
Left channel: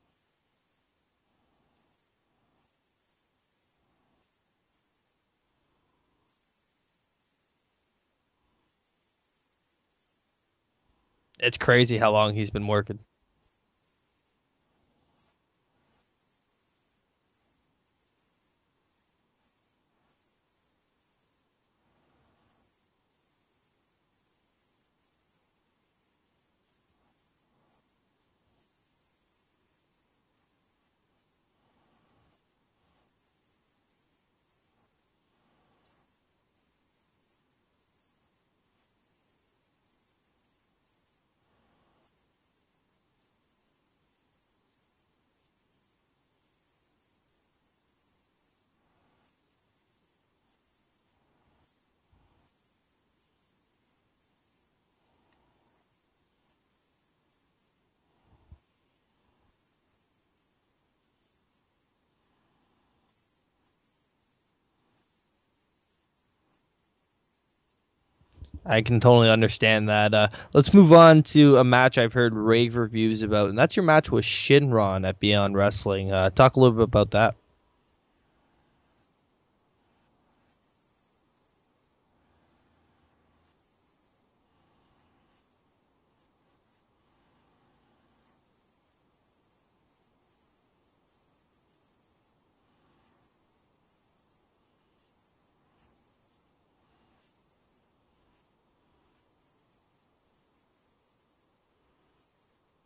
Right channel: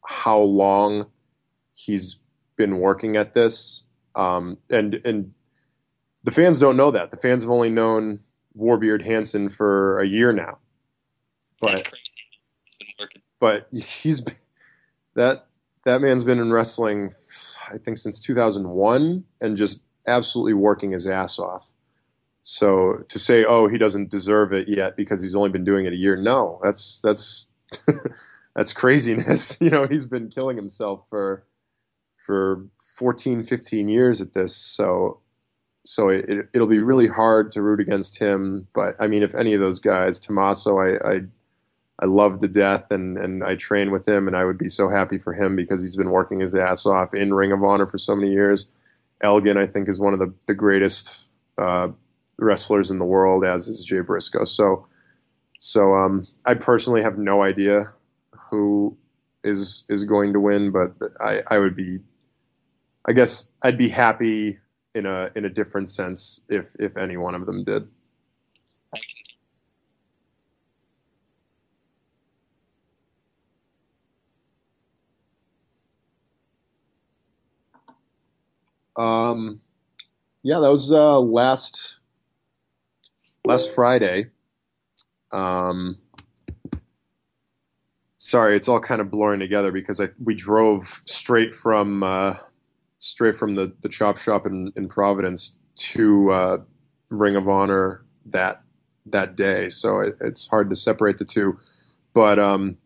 how long he's been working at this. And the fans don't know that. The fans have only known Warbeard Hansen for a year now. It's crazy how long he's been working. But that man's been in wrestling, I think, since 2001, and just absolutely working his ass off. So to say, oh, he doesn't deserve it yet because he's only been doing it a year, no, that's that's craziness. He's been killing himself for 14, 15 years at this. So it'll be really hard to root against him. But I mean, if any of those guys, Tommaso, I love to death, and I train with him, and I would be so happy for him because he's been working his ass off in Ring of Honor for so many years. Elgin, I think, is one of the greatest wrestlers in the world, as is Jay Briscoe. So I personally have no idea who is going to win, but I guess I'd be happy in a different sense if any one of them did. I can totally understand that. Let's move on to a match I've heard rave reviews about, and that's your match with Shinron at Beyond Wrestling. Talk a little bit about that. Yeah, that was last Friday. Sorry, it's all kind of blurring together because we drove straight from the chop shop in Providence to Ring of Honor that day, so it's hard to separate the two. But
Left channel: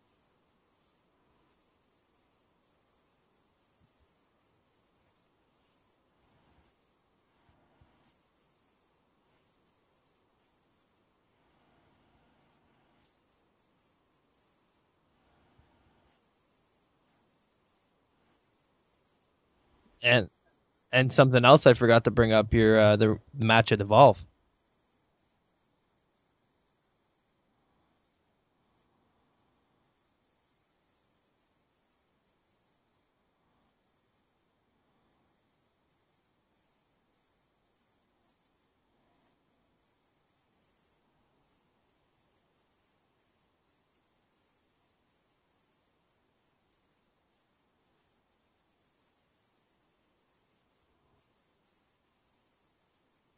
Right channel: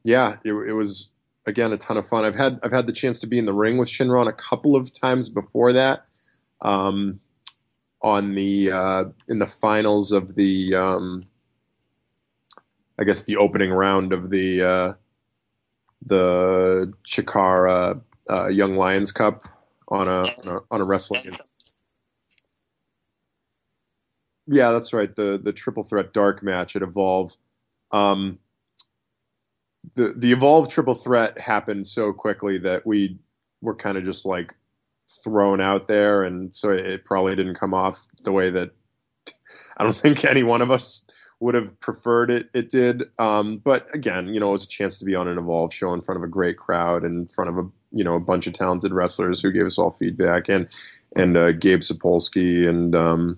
yeah, it was again a ton of fun. I've had the chance to be in the ring with Shinron a couple of times before that. On the in the finals of the I guess the opening round of the Chikara Young Lions Cup on a wrestling. And something else I forgot to bring up here, the match at Evolve. Yeah, that's right. The triple threat dark match at Evolve. The Evolve triple threat happened so quickly that we were kind of just like thrown out there, and so it probably didn't come off the way that I don't think any one of us would have preferred it did. But again, it was a chance to be on an Evolve show in front of a great crowd, and in front of a bunch of talented wrestlers who gave us all feedback, and Gabe Sapolsky, and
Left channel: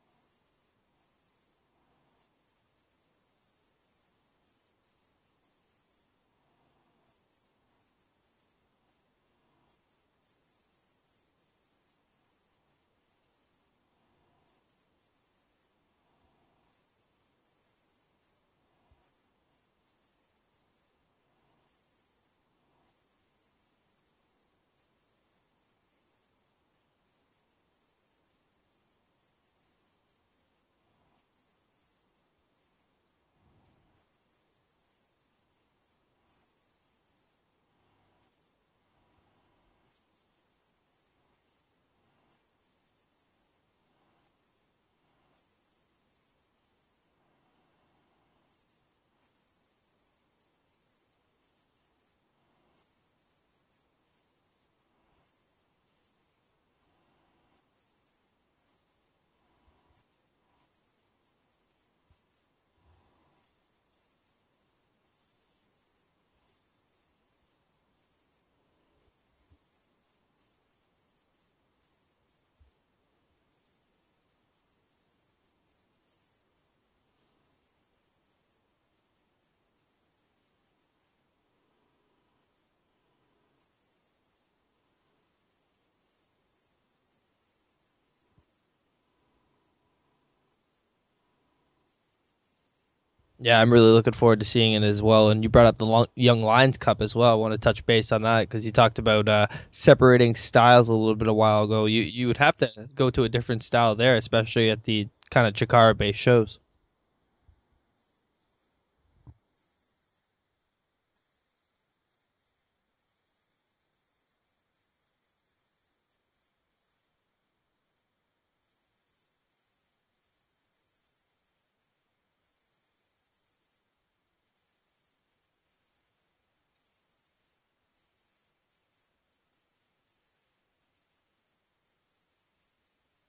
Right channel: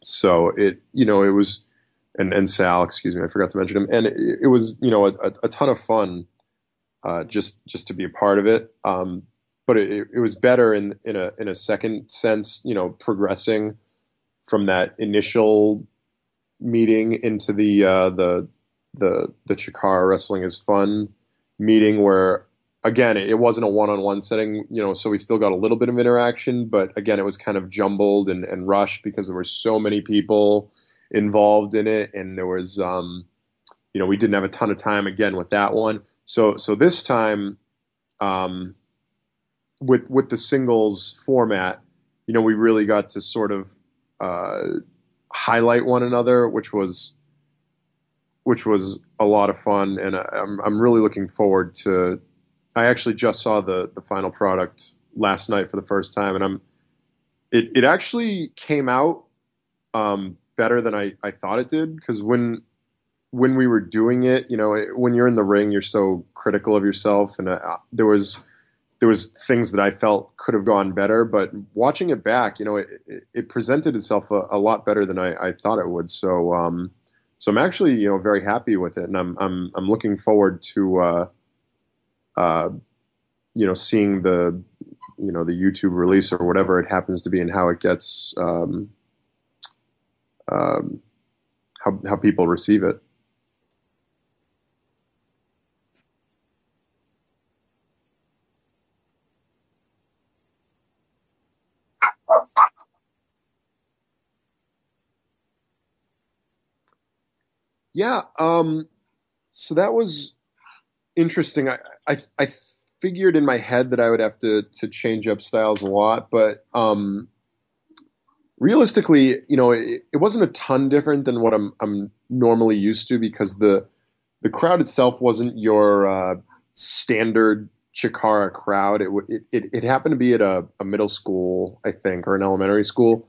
so it was, and Sal, excuse me, I forgot to mention him, and it was a ton of fun, just to be a part of it. But it was better in a second sense, progressing from that initial meeting into the Chikara Wrestling is Fun meeting, where again it wasn't a one-on-one setting, so we still got a little bit of interaction, but again it was kind of jumbled and rushed because there were so many people involved in it, and there was we didn't have a ton of time again with that one. So this time, with the singles format, we really got to sort of highlight one another, which was a lot of fun, and I'm really looking forward to. I actually just saw the final product last night for the first time, and it actually came out better than I thought it did, because when we were doing it, when you're in the ring, you're so critical of yourself, and there was things that I felt could have gone better, but watching it back, it presented itself a lot better than I thought it would. So I'm actually very happy with it, and I'm looking forward to seeing the the YouTube release or whatever it happens to be, and how it gets how people receive it. Yeah, I'm really looking forward to seeing it as well. And you brought up the Young Lions Cup as well. I want to touch base on that because you talked about separating styles a little bit a while ago. You would have to go to a different style there, especially at the kind of Chikara-based shows. Yeah, so that was interesting. I figured in my head that I would have to change up styles a lot, but realistically, it wasn't a ton different than what I'm normally used to, because the crowd itself wasn't your standard Chikara crowd. It happened to be at a middle school, I think, or an elementary school.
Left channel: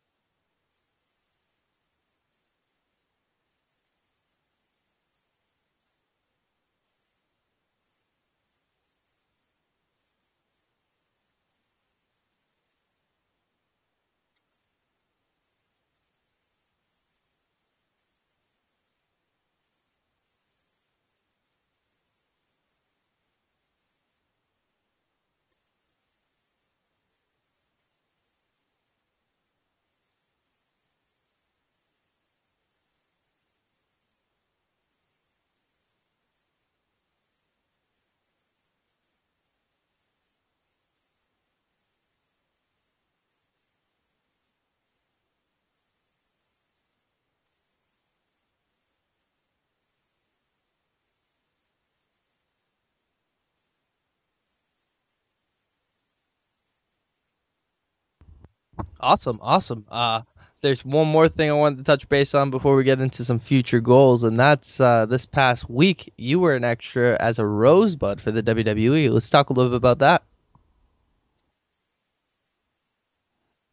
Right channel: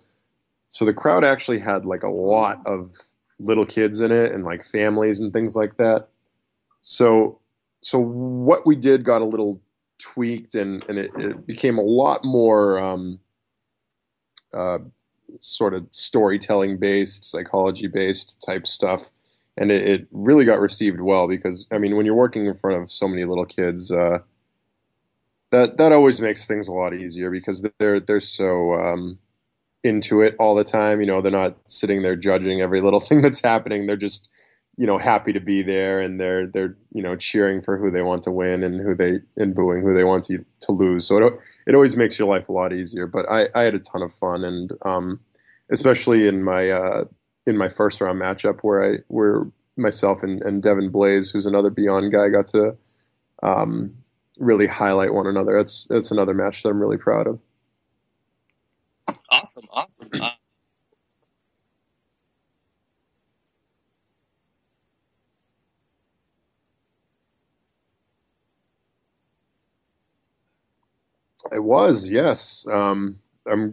So the crowd actually had like a lot of little kids in it, and like families and things like that. So what we did got a little tweaked, and it became a lot more sort of storytelling based, psychology based type stuff. And it really got received well because, I mean, when you're working in front of so many little kids, that always makes things a lot easier because they're so into it all the time. You know, they're not sitting there judging every little thing that's happening. They're just, you know, happy to be there, and they're you know, cheering for who they want to win and booing who they want to lose. So it always makes your life a lot easier. But I had a ton of fun, and especially in my first round matchup where myself and Devin Blaze, who's another Beyond guy, got to really highlight one another. That's another match that I'm really proud of. Awesome, awesome. There's one more thing I wanted to touch base on before we get into some future goals, and that's this past week you were an extra as a Rosebud for the WWE. Let's talk a little bit about that. It was, yes. I'm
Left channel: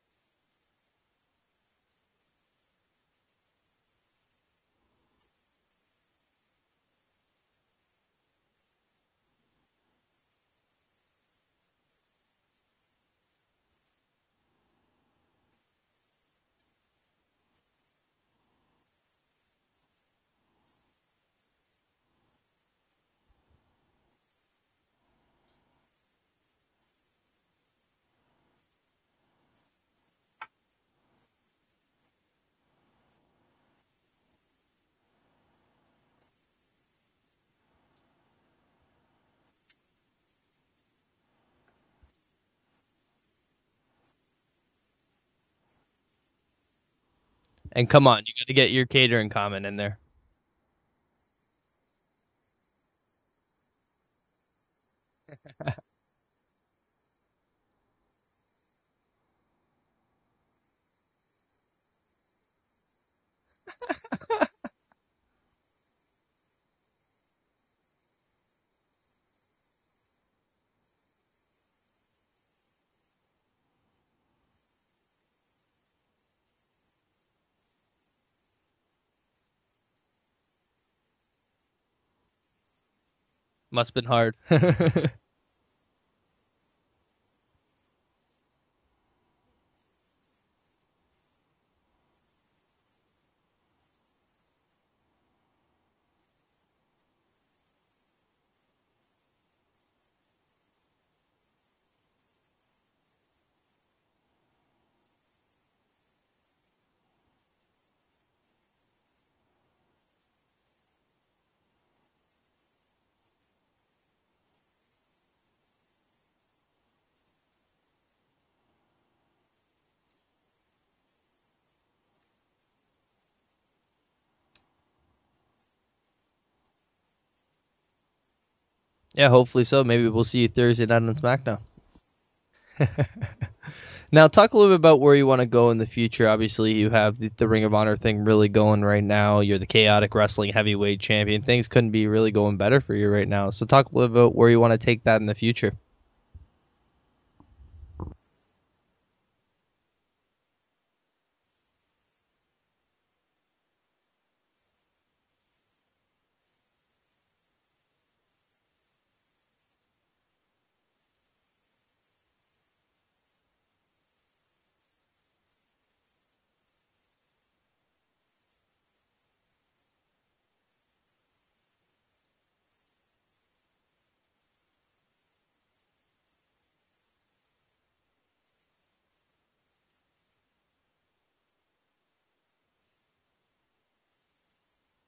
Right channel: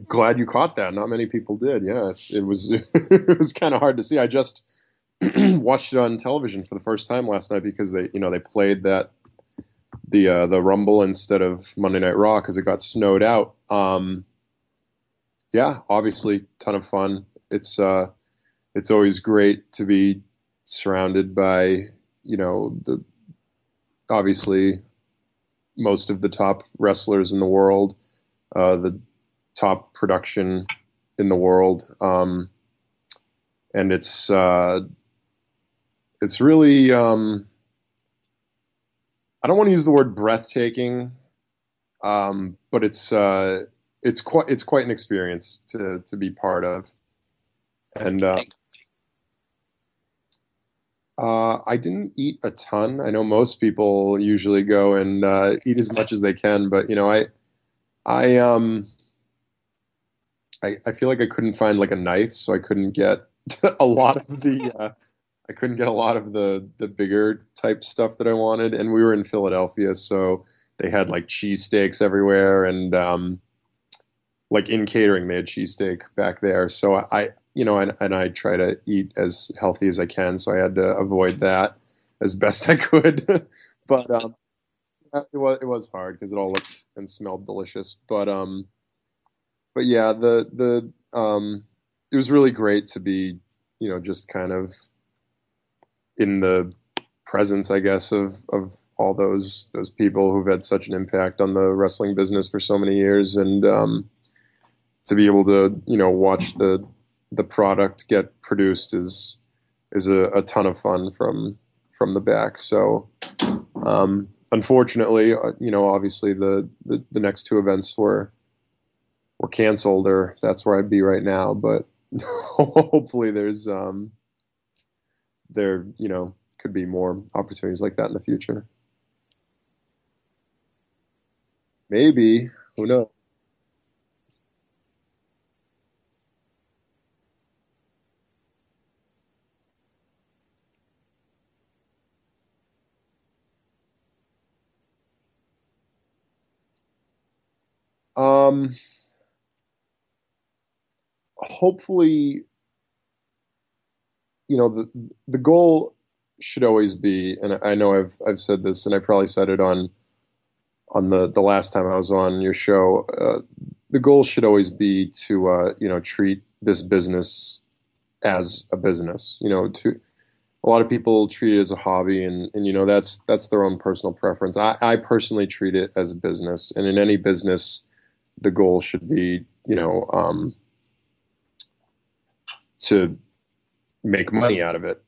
glad you caught that. Not many people did. Yeah, it was it was kind of hard to see. I just watched it on television for the first time last night because they played the Rumble instead of Monday Night Raw because it got snowed out. Yeah, obviously, ton of fun. It's always great to be surrounded by, you know, the obviously most of the top wrestlers in the world, the top production in the world, and it's really I don't want to use the word breathtaking, but it's quite an experience to be part of. And come on, you got to get your catering comment in there. I didn't eat a ton. I know most people usually go and eat as much as they can, but you know, I I feel like I couldn't find like a knife, so I couldn't get a lot of the I couldn't get a lot of the bigger type stuff that I wanted. And we were in Philadelphia, so they had like cheesesteaks everywhere, and like in catering, they had cheesesteak back there. So you know, and I try to eat as healthy as I can, so I had to avoid that as best I could. Must have been hard. It was hard because it all looked and smelled delicious. But yeah, it was really great to be, you know, just kind of in the presence, I guess, of all those people who've had such an impact on the wrestling business for so many years, and to be able to, you know, watch the product get produced is a ton of fun from the back. So unfortunately, you know, obviously the next two events were canceled, or that's where I'd be right now. But hopefully there, you know, could be more opportunities like that in the future. Yeah, hopefully so. Maybe we'll see you Thursday night on SmackDown. Maybe. Who knows? Now, talk a little bit about where you want to go in the future. Obviously, you have the Ring of Honor thing really going right now. You're the Chaotic Wrestling Heavyweight Champion. Things couldn't be really going better for you right now. So talk a little bit about where you want to take that in the future. Hopefully, you know, the goal should always be, and I know I've said this, and I probably said it on the last time I was on your show. The goal should always be to you know, treat this business as a business. You know, a lot of people treat it as a hobby, and you know, that's their own personal preference. I personally treat it as a business, and in any business, the goal should be, you know, to make money out of it.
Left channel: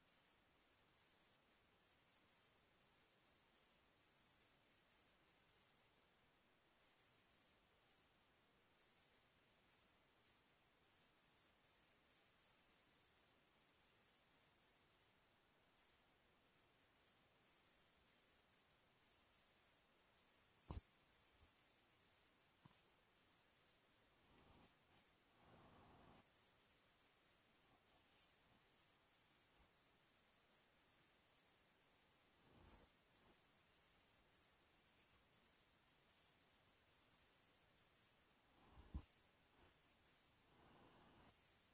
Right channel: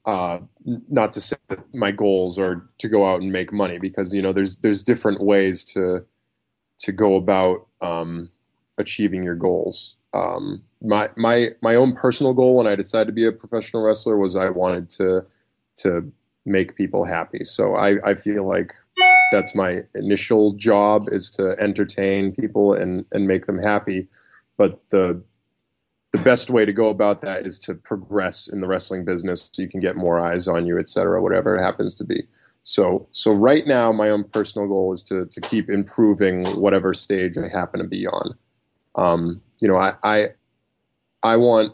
Not to say that my goals are to go out and make money, because you know, there's different ways to go about achieving your goals. My own personal goal when I decided to be a professional wrestler was I wanted to make people happy. So I feel like that's my initial job, is to entertain people and make them happy. But the best way to go about that is to progress in the wrestling business so you can get more eyes on you, et cetera, whatever it happens to be. So right now, my own personal goal is to keep improving whatever stage I happen to be on. You know, I want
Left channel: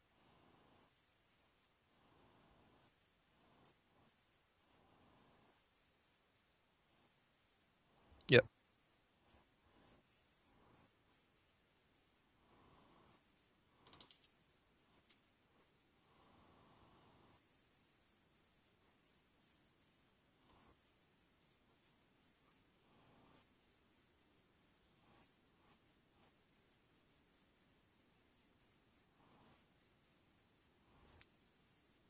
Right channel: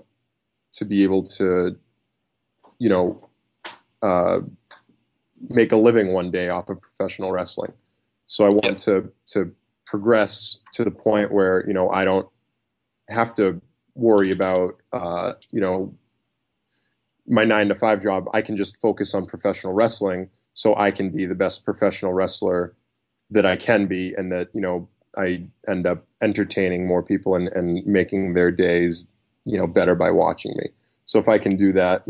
to be able to, you know, make a living one day off of professional wrestling. So I want to progress to the point where, I don't have to worry about, my 9 to 5 job. I can just focus on professional wrestling so I can be the best professional wrestler that I can be, and that, I end up entertaining more people and making their days, better by watching me. So if I can do that,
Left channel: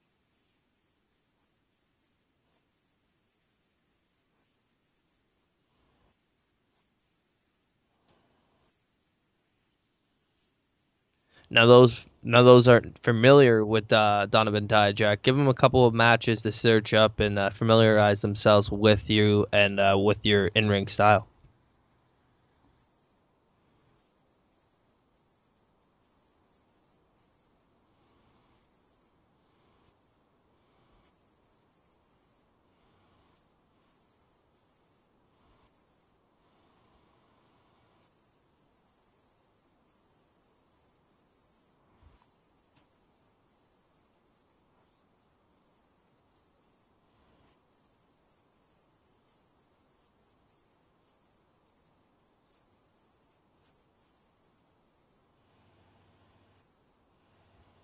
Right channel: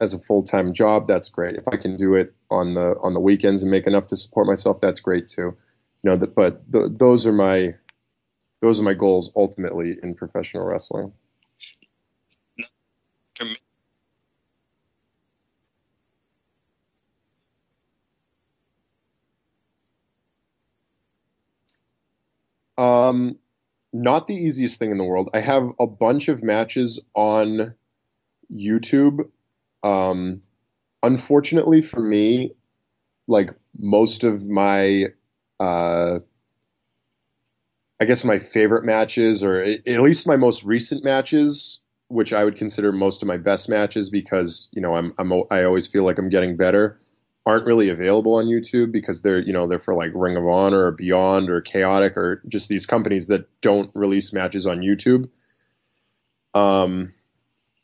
as a full-time job, that's great. If I can do it on the weekends and make enough to support myself, that's great too. Those are my goals ultimately in professional wrestling. Now those aren't familiar with Donovan Dijak. Give them a couple of matches to search up and familiarize themselves with you and with your in-ring style. Um, Not the easiest thing in the world. I have a bunch of matches on YouTube. Um, Unfortunately for me, like most of my, uh, I guess my favorite matches, or at least my most recent matches, which I would consider most of my best matches, because I always feel like I'm getting better, aren't really available on YouTube, because they're for like Ring of Honor or Beyond or Chaotic, or just these companies that don't release matches on YouTube. Um,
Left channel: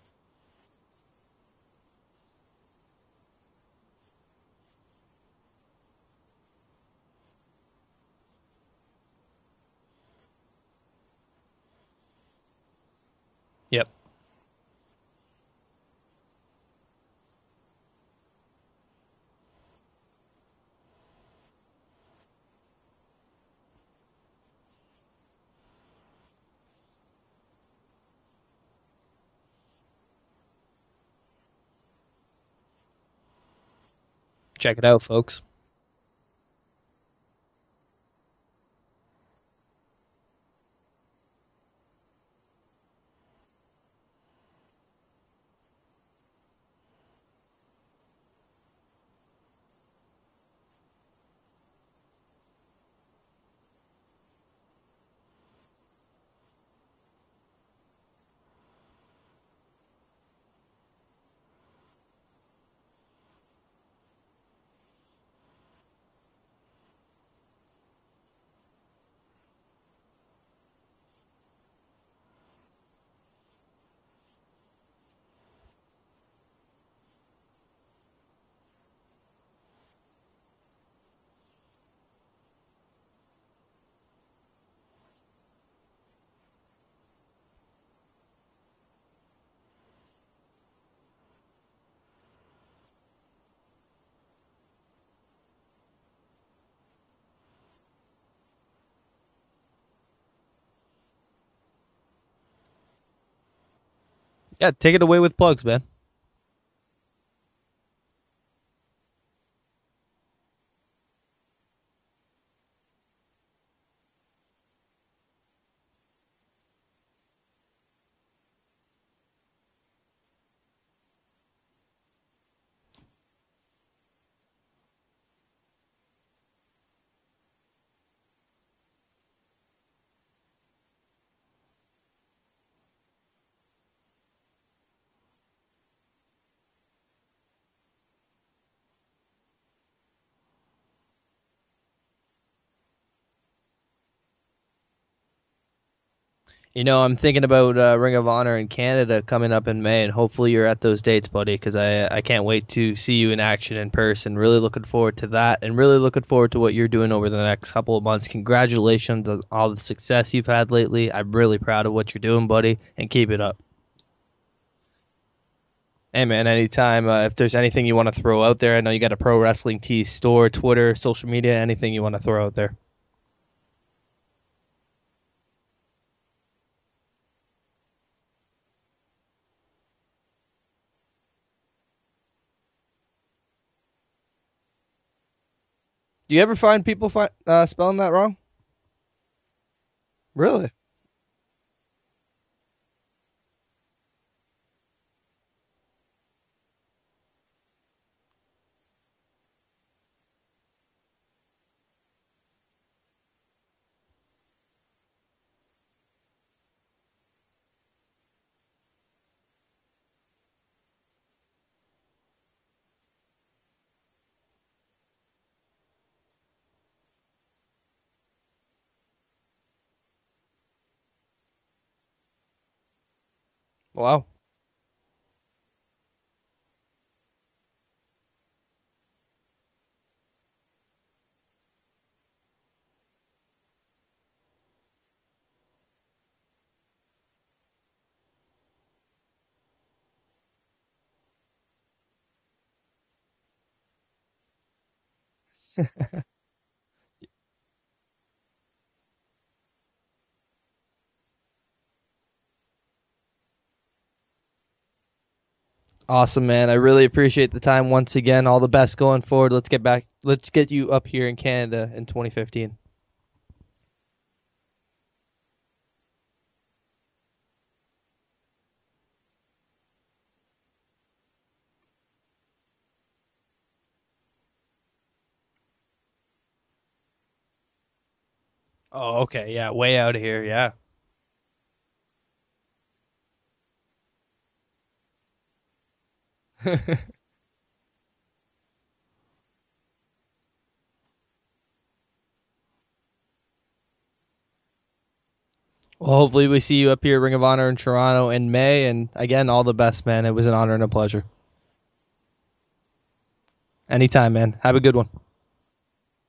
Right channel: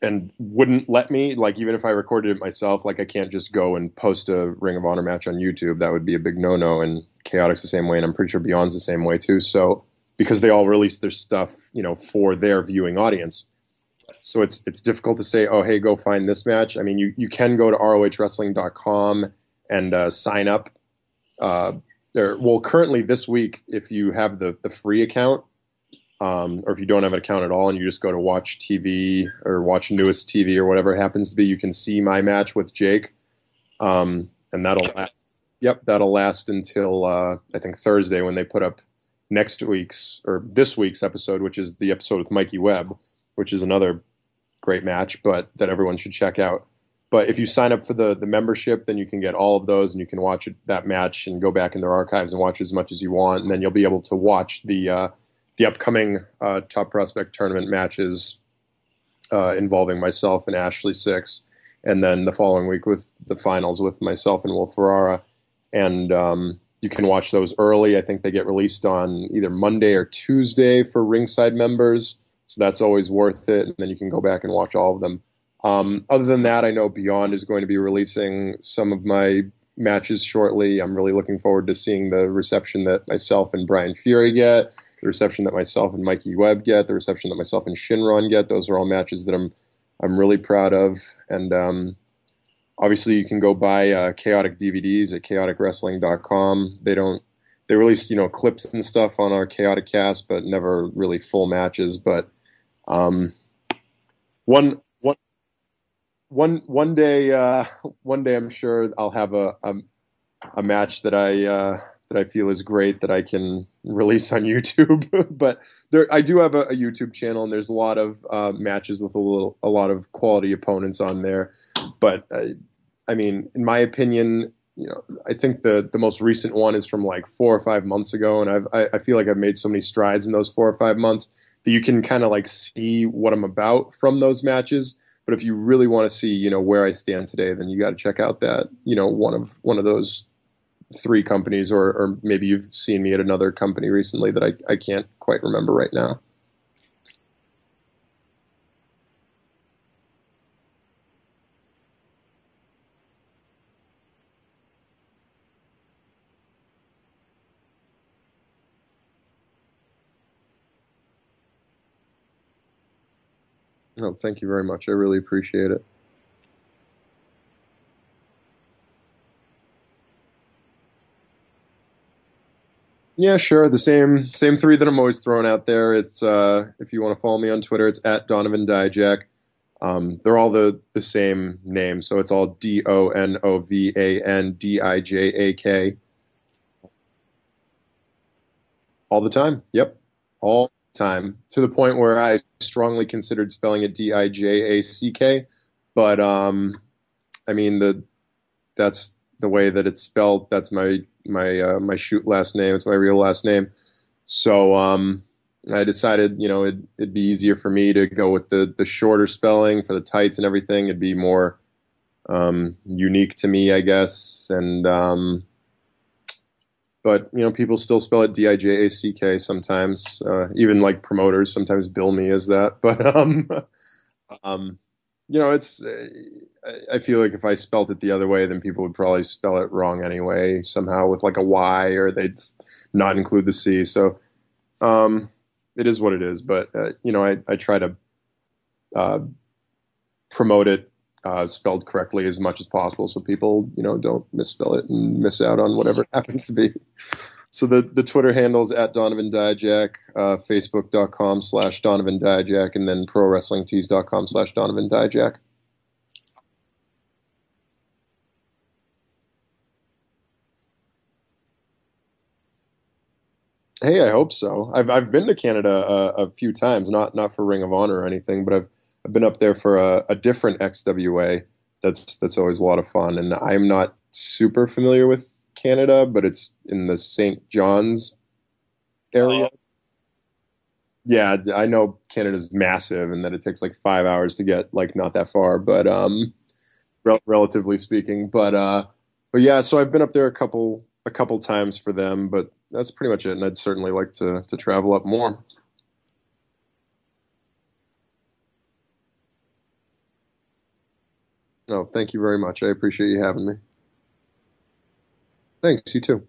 and wouldn't let me, like, even if I recorded it myself, like I can't just go and post a Ring of Honor match on YouTube. That would be a big no-no. And Chaotic's the same way, and I'm pretty sure Beyond's the same way too. So because they all release their stuff, for their viewing audience. Yep. So it's difficult to say, oh, hey, go find this match. I mean, you can go to rohwrestling.com and sign up. Well, currently this week, if you have the free account, or if you don't have an account at all and you just go to Watch TV or Watch Newest TV or whatever it happens to be, you can see my match with Jake. And Check it out, folks. Yep, that'll last until I think Thursday, when they put up this week's episode, which is the episode with Mikey Webb, which is another great match, but that everyone should check out. But if you sign up for the membership, then you can get all of those, and you can watch that match and go back in their archives and watch as much as you want. And then you'll be able to watch the upcoming Top Prospect tournament matches involving myself and Ashley Six, and then the following week with the finals with myself and Will Ferrara. And you can watch those early. I think they get released on either Monday or Tuesday for ringside members, so that's always worth it. And then you can go back and watch all of them. Other than that, I know Beyond is going to be releasing some of my matches shortly. I'm really looking forward to seeing the reception that myself and Brian Fury get, the reception that myself and Mikey Webb get, the reception that myself and Shinron get. Those are all matches that I'm really proud of. And obviously you can go buy Chaotic DVDs at chaoticwrestling.com. They release, clips and stuff on our Chaotic cast, but never really full matches. But take it away with plugs, man. One day I'm sure I'll have a match that I feel is great that I can release on YouTube. But I do have a YouTube channel, and there's a lot of matches with a lot of quality opponents on there. But I mean, in my opinion, I think the most recent one is from like 4 or 5 months ago, and I feel like I've made so many strides in those 4 or 5 months that you can kind of like see what I'm about from those matches. But if you really want to see, where I stand today, then you got to check out that, one of those 3 companies, or maybe you've seen me at another company recently that I can't quite remember right now. I'm thinking about Ring of Honor in Canada coming up in May, and hopefully you're at those dates, buddy, because I can't wait to see you in action in person. Really looking forward to that, and really looking forward to what you're doing over the next couple of months. Congratulations on all the success you've had lately. I'm really proud of what you're doing, buddy, and keep it up. Oh, thank you very much. I really appreciate it. Hey, man, anytime. If there's anything you want to throw out there, I know you got a Pro Wrestling Tees store, Twitter, social media, anything you want to throw out there. Yeah, sure. The same 3 that I'm always throwing out there. It's if you want to follow me on Twitter, it's at Donovan Dijak. They're all the same name, so it's all DONOVANDIJAK. Do you ever find people spelling that wrong? All the time. Yep. Really? All the time. To the point where I strongly considered spelling it DIJACK. But I mean, that's the way that it's spelled. That's my shoot last name. It's my real last name. So I decided, it'd be easier for me to go with the shorter spelling for the tights and everything. It'd be more unique to me, I guess. And but people still spell it Dijack sometimes. Even like promoters sometimes bill me as that. But Wow. um, it's I feel like if I spelt it the other way, then people would probably spell it wrong anyway, somehow with like a Y, or they'd not include the C. So it is what it is. But I try to uh, promote it spelled correctly as much as possible, so people don't misspell it and miss out on whatever it happens to be. So the Twitter handles at Donovan Dijak, Facebook.com/Donovan Dijak, and then ProWrestlingTees.com/Donovan Dijak. Awesome, man. I really appreciate the time once again. All the best going forward. Let's get back. Let's get you up here in Canada in 2015. Hey, I hope so. I've been to Canada a few times, not for Ring of Honor or anything, but I've been up there for a different XWA. That's always a lot of fun, and I'm not super familiar with Canada, but it's in the St. John's Oh, area. okay. Yeah, way out of here. Yeah. Yeah, I know Canada's massive and that it takes like 5 hours to get like not that far, but relatively speaking. But yeah, so I've been up there a couple times for them, but that's pretty much it. And I'd certainly like to travel up more. Well, hopefully we see you up here, Ring of Honor in Toronto in May. And again, all the best, man. It was an honor and a pleasure. Oh, thank you very much. I appreciate you having me. Anytime, man. Have a good one. Thanks, you too.